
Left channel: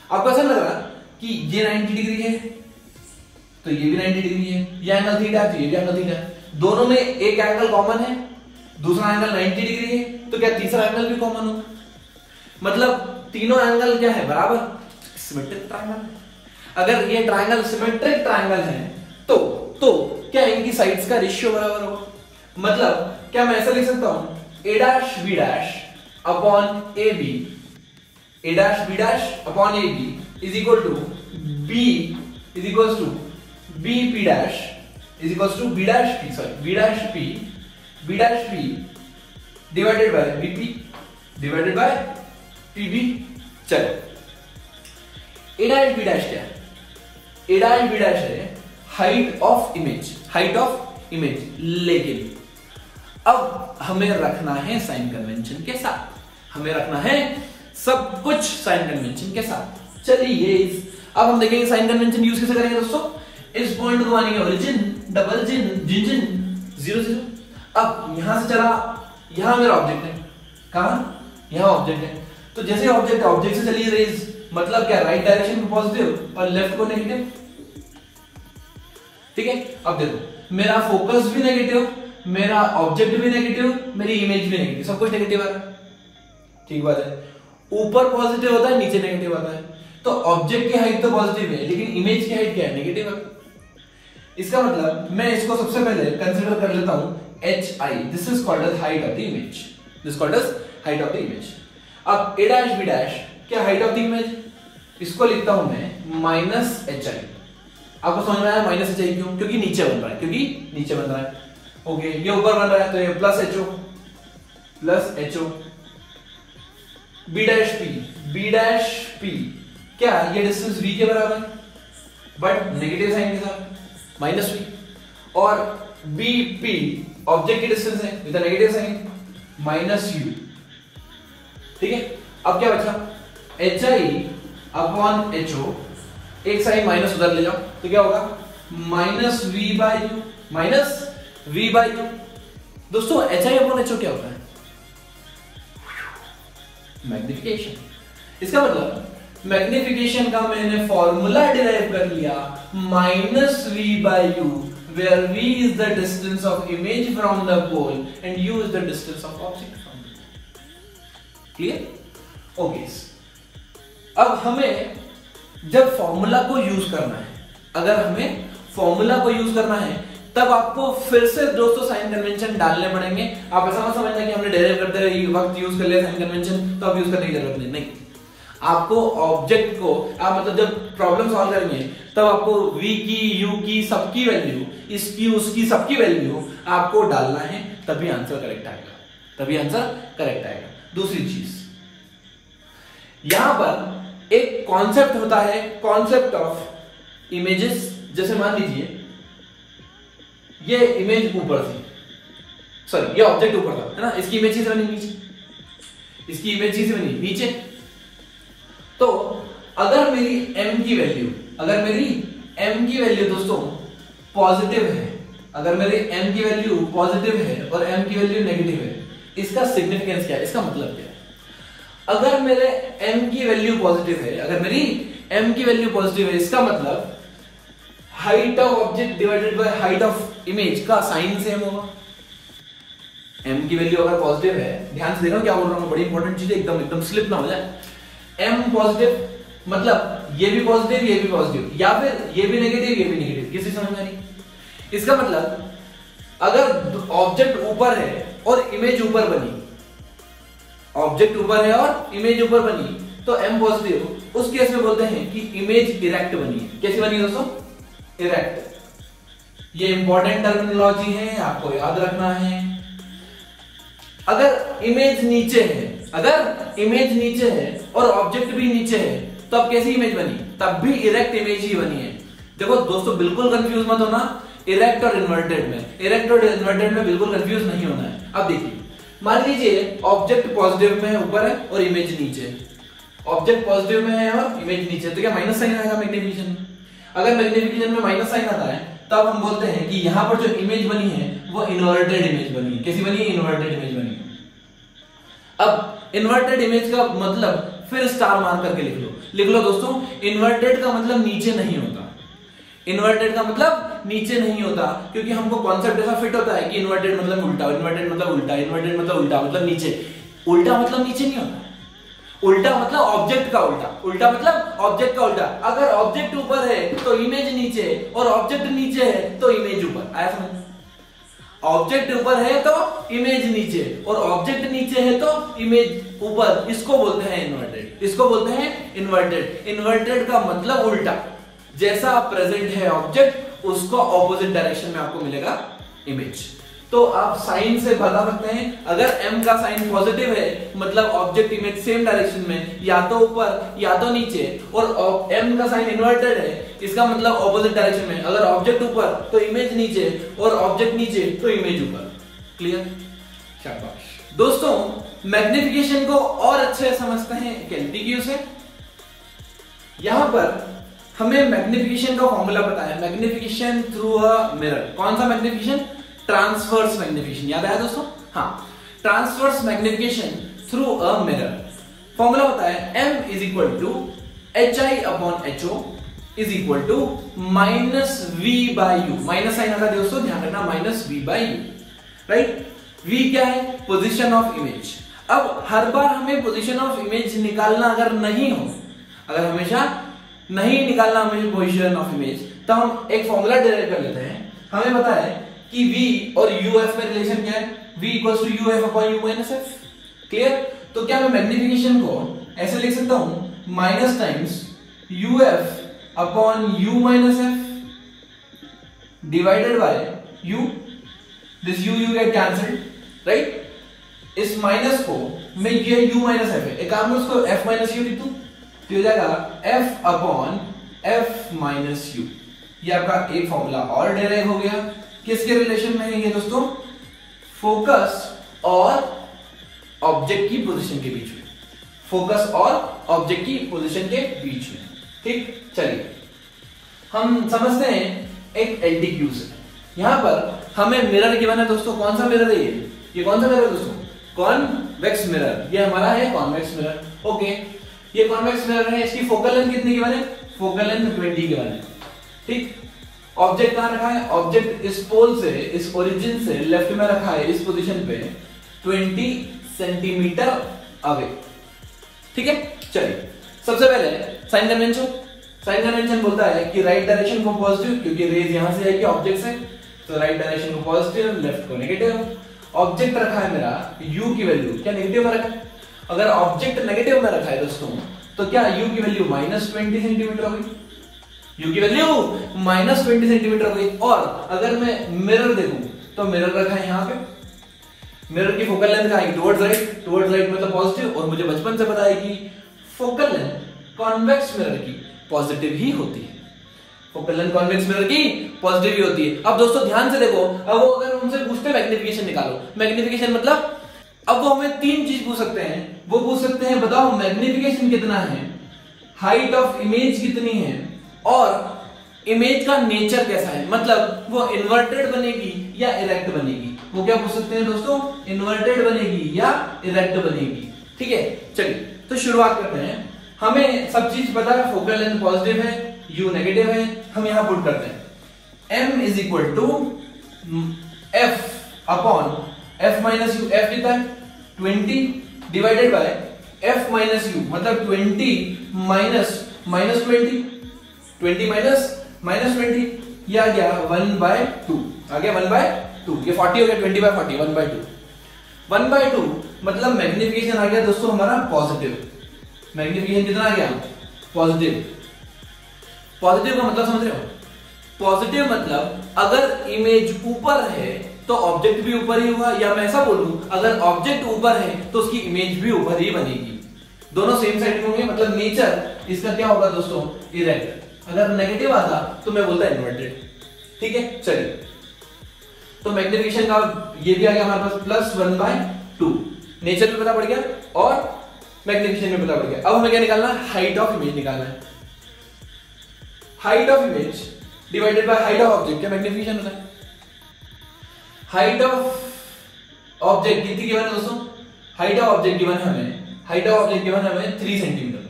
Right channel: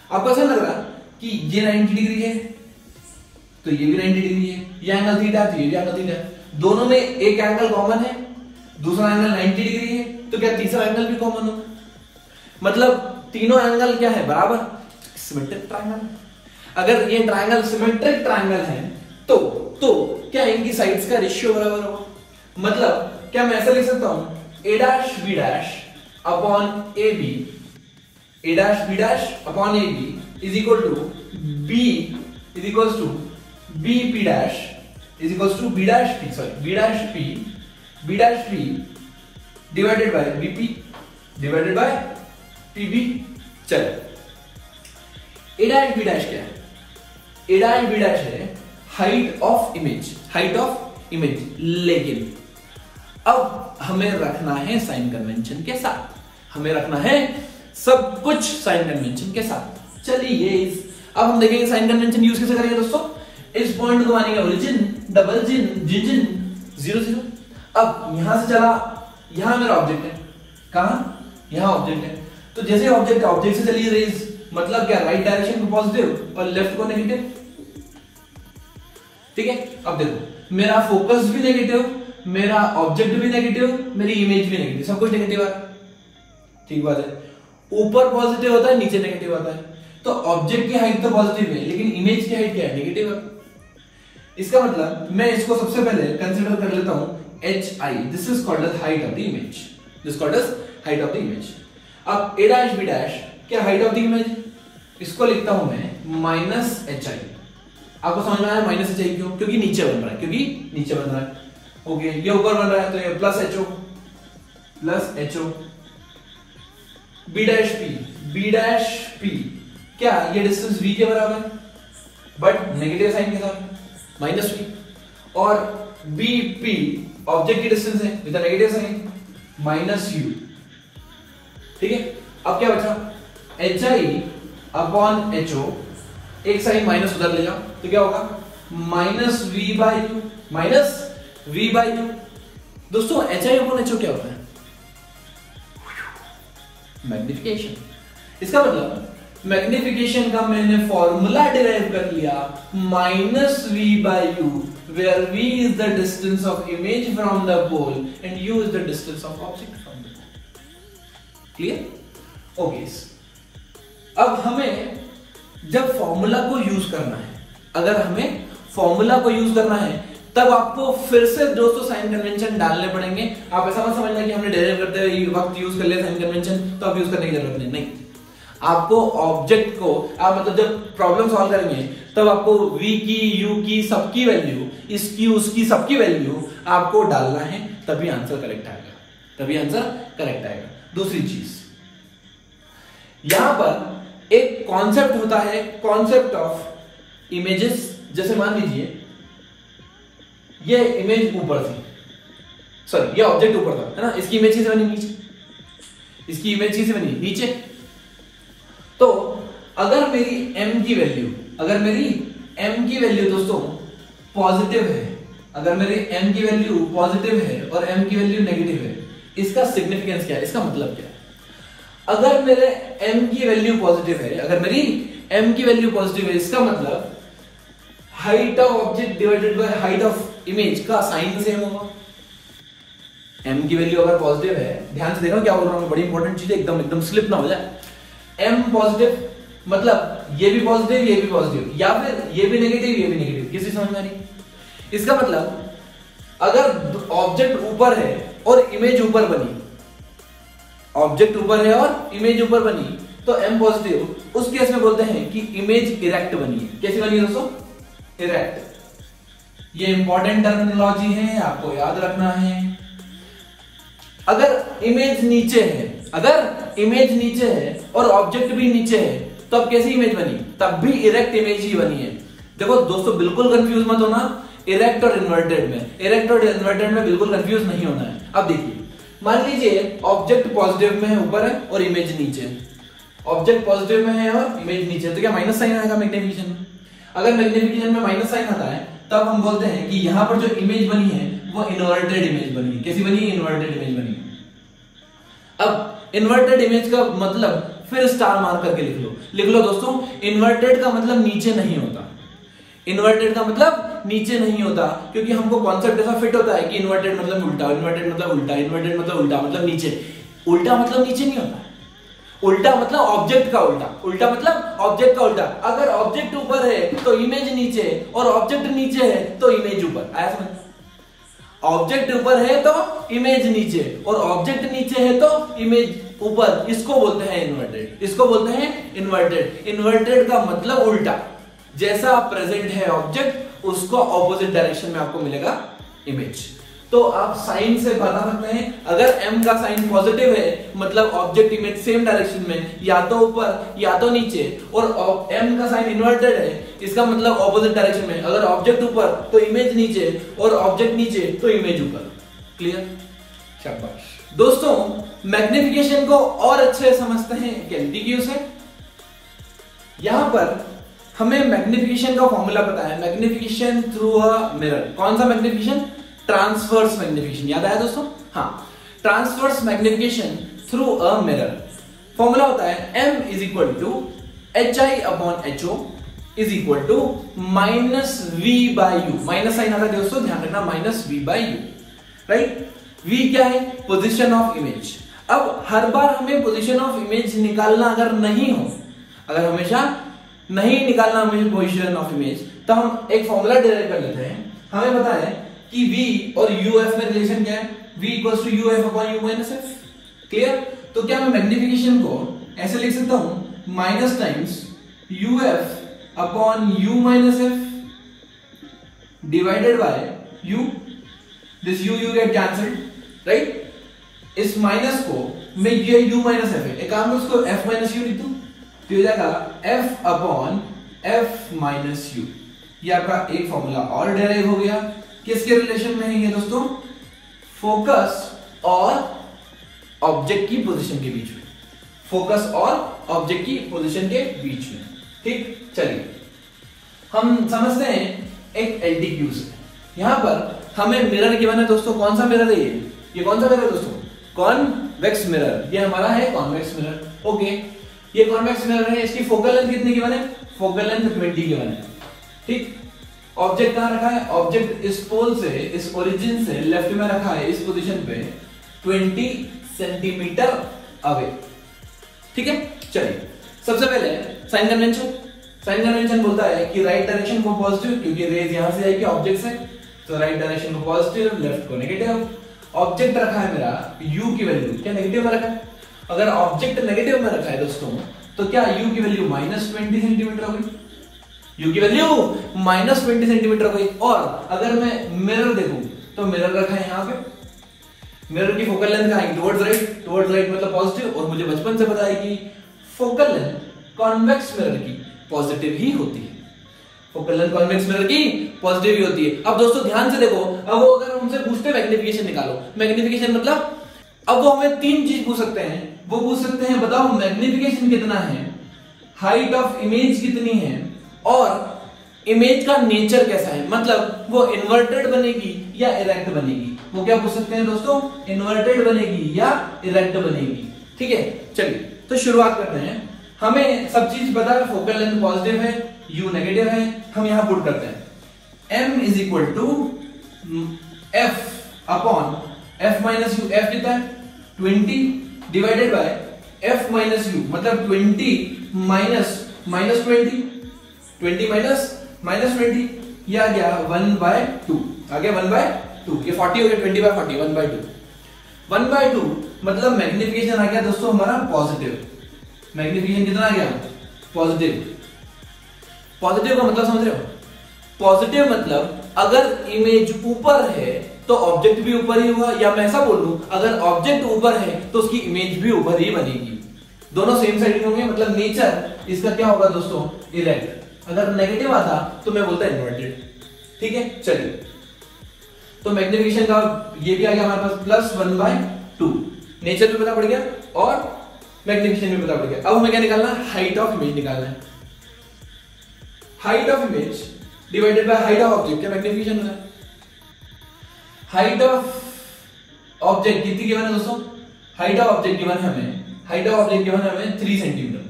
आपको ऐसा लग रहा कि ये 90 डिग्री है तो ये भी 90 डिग्री है, ये एंगल थीटा है, ये भी एंगल थीटा है, दोनों में एक एंगल कॉमन है, दूसरा एंगल 90 डिग्री है, तो क्या तीसरा एंगल भी कॉमन होगा? मतलब तीनों एंगल क्या है? बराबर, सिमेट्रिक ट्रायंगल है। अगर ये ट्रायंगल सिमेट्रिक ट्रायंगल है तो क्या इनकी साइड्स का रेशियो बराबर होगा? मतलब क्या मैं ऐसा लिख सकता हूं A'(B' upon AB, A'(B' upon AB is equal to B is equal to BP' is equal to B'P, sorry B'P divided by BP divided by PB। चलो A'(B' क्या है? A'(B' है height of image, height of image. लेकिन अब हमें रखना है sign convention के साथ, हमें रखना है सब कुछ साइन कन्वेंशन के साथ। चलिए अब हम देखेंगे साइन कन्वेंशन यूज कैसे करेंगे दोस्तों। इस पॉइंट को मानेंगे ओरिजिन, डबल जिन, जिन 0 0। अब यहां से चला, यहां मेरा ऑब्जेक्ट है, कहां? यहां ऑब्जेक्ट है, तो जैसे ऑब्जेक्ट से चली रेज, मतलब क्या? राइट डायरेक्शन को पॉजिटिव और लेफ्ट को नेगेटिव। ठीक है, अब देखो मेरा फोकस भी नेगेटिव, मेरा ऑब्जेक्ट भी नेगेटिव, मेरी इमेज भी नेगेटिव, सब कुछ नेगेटिव है। ठीक बात है, ऊपर पॉजिटिव होता है, नीचे नेगेटिव आता है, तो ऑब्जेक्ट की हाइट तो पॉजिटिव है लेकिन इमेज की हाइट क्या है? नेगेटिव है। इसका मतलब मैं इसको सबसे पहले कंसीडर कर लेता हूं HI, this is called as height of the image, this called as height of the image. अब A'(B' क्या हाइट ऑफ द इमेज? इसको लिखता हूं मैं -HI। आपको समझ में आया -HI क्यों? क्योंकि नीचे बन रहा है, क्योंकि नीचे बन रहा है। ओके, ये ऊपर बन रहा है तो ये +HO, B'P क्या ये डिस्टेंस v के बराबर है बट नेगेटिव साइन के साथ, -v, और BP ऑब्जेक्ट की डिस्टेंस है विद नेगेटिव साइन, -u, ठीक है, अब क्या बचा, HI/HO, एक साइन माइनस उधर ले जाओ तो क्या होगा, -V/U, -V/U। दोस्तों HI/HO क्या होता है, मैग्निफिकेशन। इसका मतलब मैग्निफिकेशन का मैंने फॉर्मूला डिराइव कर लिया, -V/U, where V is the distance of image from the pole and U is the distance of object from the pole. Clear? Okay, अब हमें जब फॉर्मूला को यूज करना है, अगर हमें फॉर्मूला को यूज करना है तब आपको फिर से दोस्तों साइन कन्वेंशन डालने पड़ेंगे। आप ऐसा मत समझना कि हमने डेराइव करते वक्त यूज कर लिया साइन कन्वेंशन तो अब यूज करने की जरूरत नहीं। आपको ऑब्जेक्ट को आप मतलब जब प्रॉब्लम सॉल्व करेंगे तब आपको v की, u की, सबकी वैल्यू, इसकी, उसकी, सबकी वैल्यू आपको डालना है, तभी आंसर करेक्ट आएगा, तभी आंसर करेक्ट आएगा। दूसरी चीज, यहां पर एक कॉन्सेप्ट होता है, कॉन्सेप्ट ऑफ इमेजेस। जैसे मान लीजिए ये इमेज ऊपर थी, सॉरी ये ऑब्जेक्ट ऊपर था, है ना, इसकी इमेज से बनी नीचे, इसकी इमेज से बनी नीचे। तो अगर मेरी m की वैल्यू, दोस्तों पॉजिटिव है, अगर मेरी m की वैल्यू पॉजिटिव है और m की वैल्यू नेगेटिव है, इसका सिग्निफिकेंस क्या है, इसका मतलब क्या है, अगर मेरे m की वैल्यू पॉजिटिव है, इसका मतलब height of object divided by height of image का साइन सेम होगा। m की वैल्यू अगर पॉजिटिव है, ध्यान से देखो क्या बोल रहा हूं, बड़ी इंपॉर्टेंट चीज है, एकदम स्लिप ना हो जाए। m पॉजिटिव मतलब ये भी पॉजिटिव, ये भी पॉजिटिव, या फिर ये भी नेगेटिव, ये भी नेगेटिव, किसी समझ में आ रही? इसका मतलब अगर ऑब्जेक्ट ऊपर है और इमेज ऊपर बनी, ऑब्जेक्ट ऊपर है और इमेज ऊपर बनी तो m पॉजिटिव, उस केस में बोलते हैं कि इमेज इरेक्ट बनी है। कैसी बनी है दोस्तों? इरेक्ट। ये इंपॉर्टेंट टर्मिनोलॉजी है, आपको याद रखना है। अगर इमेज नीचे है और ऑब्जेक्ट भी नीचे है तो अब कैसी इमेज बनी? तब भी इरेक्ट इमेज ही बनी है। देखो दोस्तों बिल्कुल कंफ्यूज मत होना इरेक्ट और इन्वर्टेड में बिल्कुल कंफ्यूज नहीं होना है। अब देखिए, मान लीजिए ऑब्जेक्ट पॉजिटिव में है, ऊपर है, और इमेज नीचे है। ऑब्जेक्ट पॉजिटिव में है और इमेज नीचे, तो क्या माइनस साइन आएगा मैग्निफिकेशन में? अगर मैग्निफिकेशन में माइनस साइन आता है तब हम बोलते हैं कि यहां पर जो इमेज बनी है वो इन्वर्टेड इमेज बनी है। कैसी बनी? इन्वर्टेड इमेज बनी। अब इन्वर्टेड इमेज का मतलब फिर स्टार मार करके लिख लो दोस्तों, इन्वर्टेड का मतलब नीचे नहीं होता, क्योंकि हमको कॉन्सेप्ट ऐसा फिट होता है कि इन्वर्टेड मतलब उल्टा, मतलब नीचे। उल्टा मतलब नीचे नहीं होता, उल्टा मतलब ऑब्जेक्ट का उल्टा। अगर ऑब्जेक्ट ऊपर है तो इमेज नीचे, और ऑब्जेक्ट नीचे है तो इमेज ऊपर। आया समझ? ऑब्जेक्ट ऊपर है तो इमेज नीचे, और ऑब्जेक्ट नीचे है तो इमेज ऊपर। इसको बोलते हैं इन्वर्टेड। इन्वर्टेड का मतलब उल्टा। जैसा प्रेजेंट है ऑब्जेक्ट, उसको ऑपोजिट डायरेक्शन में आपको मिलेगा इमेज। तो आप साइन से बता सकते हैं, अगर m का साइन पॉजिटिव है मतलब ऑब्जेक्ट इमेज सेम डायरेक्शन में, या तो ऊपर या तो नीचे, और m का साइन इन्वर्टेड है, इसका मतलब ऑपोजिट डायरेक्शन में। अगर ऑब्जेक्ट ऊपर तो इमेज नीचे, और ऑब्जेक्ट नीचे तो इमेज ऊपर। क्लियर? शाबाश दोस्तों। मैग्निफिकेशन को और अच्छे समझते हैं कैलटीक्यू से। यहां पर हमें मैग्निफिकेशन का फॉर्मूला पता है, मैग्निफिकेशन थ्रू अ मिरर। कौन सा मैग्निफिकेशन? Transverse magnification. याद आया दोस्तों? हाँ, transverse magnification through a mirror. Formula होता है m is equal to HI/HO is equal to -V/U। Minus sign आता है दोस्तों, ध्यान रखना, -V/U, राइट? V क्या है? Position of image. अब हर बार हमें पोजीशन ऑफ इमेज निकालना अगर हमेशा नहीं निकालना हमें पोजीशन ऑफ इमेज, तो हम एक फॉर्मूला डिराइव कर लेते हैं। हमें पता है कि V और UF में रिलेशन क्या है? V equals to UF/U - F। Clear? तो क्या मैं मैग्निफिकेशन को ऐसे लिख सकता हूं, minus times UF/U - F divided by U। This U get cancelled, right? इस माइनस को मैं ये U - F है, एक काम उसको F - U लिख दूं तो हो जाएगा F/F-U। ये आपका एक फॉर्मूला और डेराइव हो गया। किसके रिलेशन में है ये दोस्तों? फोकस और ऑब्जेक्ट की पोजीशन के बीच में। फोकस और ऑब्जेक्ट की पोजीशन के बीच में। ठीक, चलिए हम समझते हैं एक एलटीक्यू से। यहां पर हमें मिरर गिवन है दोस्तों। कौन सा मिरर है ये कौन सा मिरर है दोस्तों? Convex mirror. ये हमारा है कॉन्वेक्स मिरर। ओके, ये कॉन्वेक्स मिरर है। इसकी फोकल लेंथ कितनी गिवन है? फोकल लेंथ 20 गिवन है। ठीक, ऑब्जेक्ट कहां रखा है? ऑब्जेक्ट इस पोल से, इस ओरिजिन से लेफ्ट में रखा है, इस पोजीशन पे 20 सेंटीमीटर अवे। ठीक है, चलिए सबसे पहले साइन कन्वेंशन। साइन कन्वेंशन बोलता है कि राइट डायरेक्शन को पॉजिटिव, क्योंकि रेज यहां से आएगी ऑब्जेक्ट से, तो राइट डायरेक्शन को पॉजिटिव, लेफ्ट को नेगेटिव। ऑब्जेक्ट रखा है मेरा u की वैल्यू क्या नेगेटिव में रखा है? अगर ऑब्जेक्ट नेगेटिव में रखा है दोस्तों तो क्या u की वैल्यू -20 सेंटीमीटर हो गई? u की वैल्यू -20 सेंटीमीटर हो गई। और अगर मैं मिरर देखूं तो मिरर रखा है यहां पे। मिरर की फोकल लेंथ कहां है? Towards right. टुवर्ड्स राइट मतलब पॉजिटिव। और मुझे बचपन से पता है कि फोकल लेंथ कॉन्वेक्स मिरर की पॉजिटिव ही होती है। फोकल लेंथ कॉन्वेक्स मिरर की पॉजिटिव ही होती है। अब दोस्तों ध्यान से देखो, अब वो अगर हमसे पूछते हैं मैग्निफिकेशन निकालो, मैग्निफिकेशन मतलब अब वो हमें 3 चीज पूछ सकते हैं। वो पूछ सकते हैं बताओ मैग्निफिकेशन कितना है, हाइट ऑफ इमेज कितनी है, और इमेज का नेचर कैसा है, मतलब वो इन्वर्टेड बनेगी या इरेक्ट बनेगी। वो क्या पूछ सकते हैं दोस्तों? इन्वर्टेड बनेगी या इरेक्ट बनेगी। ठीक है, चलिए तो शुरुआत करते हैं। हमें सब चीज पता है, फोकल लेंथ पॉजिटिव है, u नेगेटिव है। हम यहां पुट करते हैं m is equal to f upon f minus u. f कितना है? 20 divided by f minus u, मतलब 20 माइनस -20, 20 माइनस 20, ये आ गया 1/2। आ गया 1/2। ये 40 हो गया, 20/40 1/2। 1/2 मतलब मैग्निफिकेशन आ गया दोस्तों हमारा पॉजिटिव। मैग्निफिकेशन कितना आ गया? पॉजिटिव। पॉजिटिव का मतलब समझ रहे हो? पॉजिटिव मतलब अगर इमेज ऊपर है तो ऑब्जेक्ट भी ऊपर ही हुआ, या मैं ऐसा बोलूं अगर ऑब्जेक्ट ऊपर है तो उसकी इमेज भी ऊपर ही बनेगी। दोनों सेम साइड होंगे, मतलब नेचर इसका क्या होगा दोस्तों? इरेक्ट। अगर नेगेटिव आता तो मैं बोलता इन्वर्टेड। ठीक है, चलिए तो मैग्निफिकेशन का ये भी आ गया हमारे पास +1/2। नेचर भी पता पड़ गया और मैग्निफिकेशन भी पता पड़ गया। अब हमें क्या निकालना है? हाइट ऑफ इमेज निकालना है। Height of image divided by height of object, क्या मैग्निफिकेशन होता है? हाइट ऑफ ऑब्जेक्ट कितनी गिवन है दोस्तों? हाइट ऑफ ऑब्जेक्ट गिवन है हमें, हाइट ऑफ ऑब्जेक्ट गिवन है हमें 3 सेंटीमीटर।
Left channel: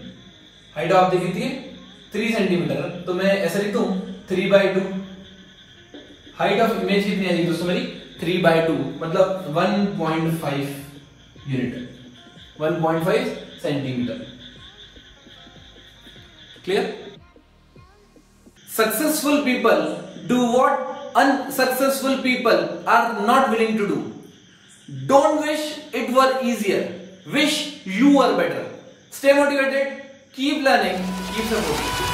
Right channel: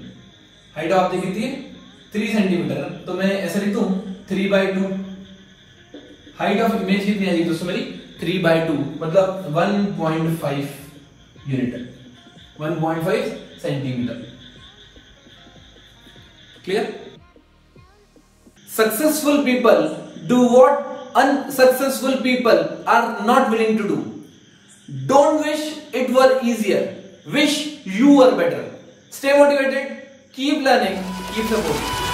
हाइट ऑफ ऑब्जेक्ट कितनी है? 3 सेंटीमीटर। तो मैं ऐसा लिख दूं 3/2। हाइट ऑफ इमेज कितनी आ रही दोस्तों मेरी? 3/2 मतलब 1.5 unit, 1.5 centimetre. Clear? Successful people do what unsuccessful people are not willing to do. Don't wish it were easier. Wish you were better. Stay motivated. Keep learning. Keep supporting.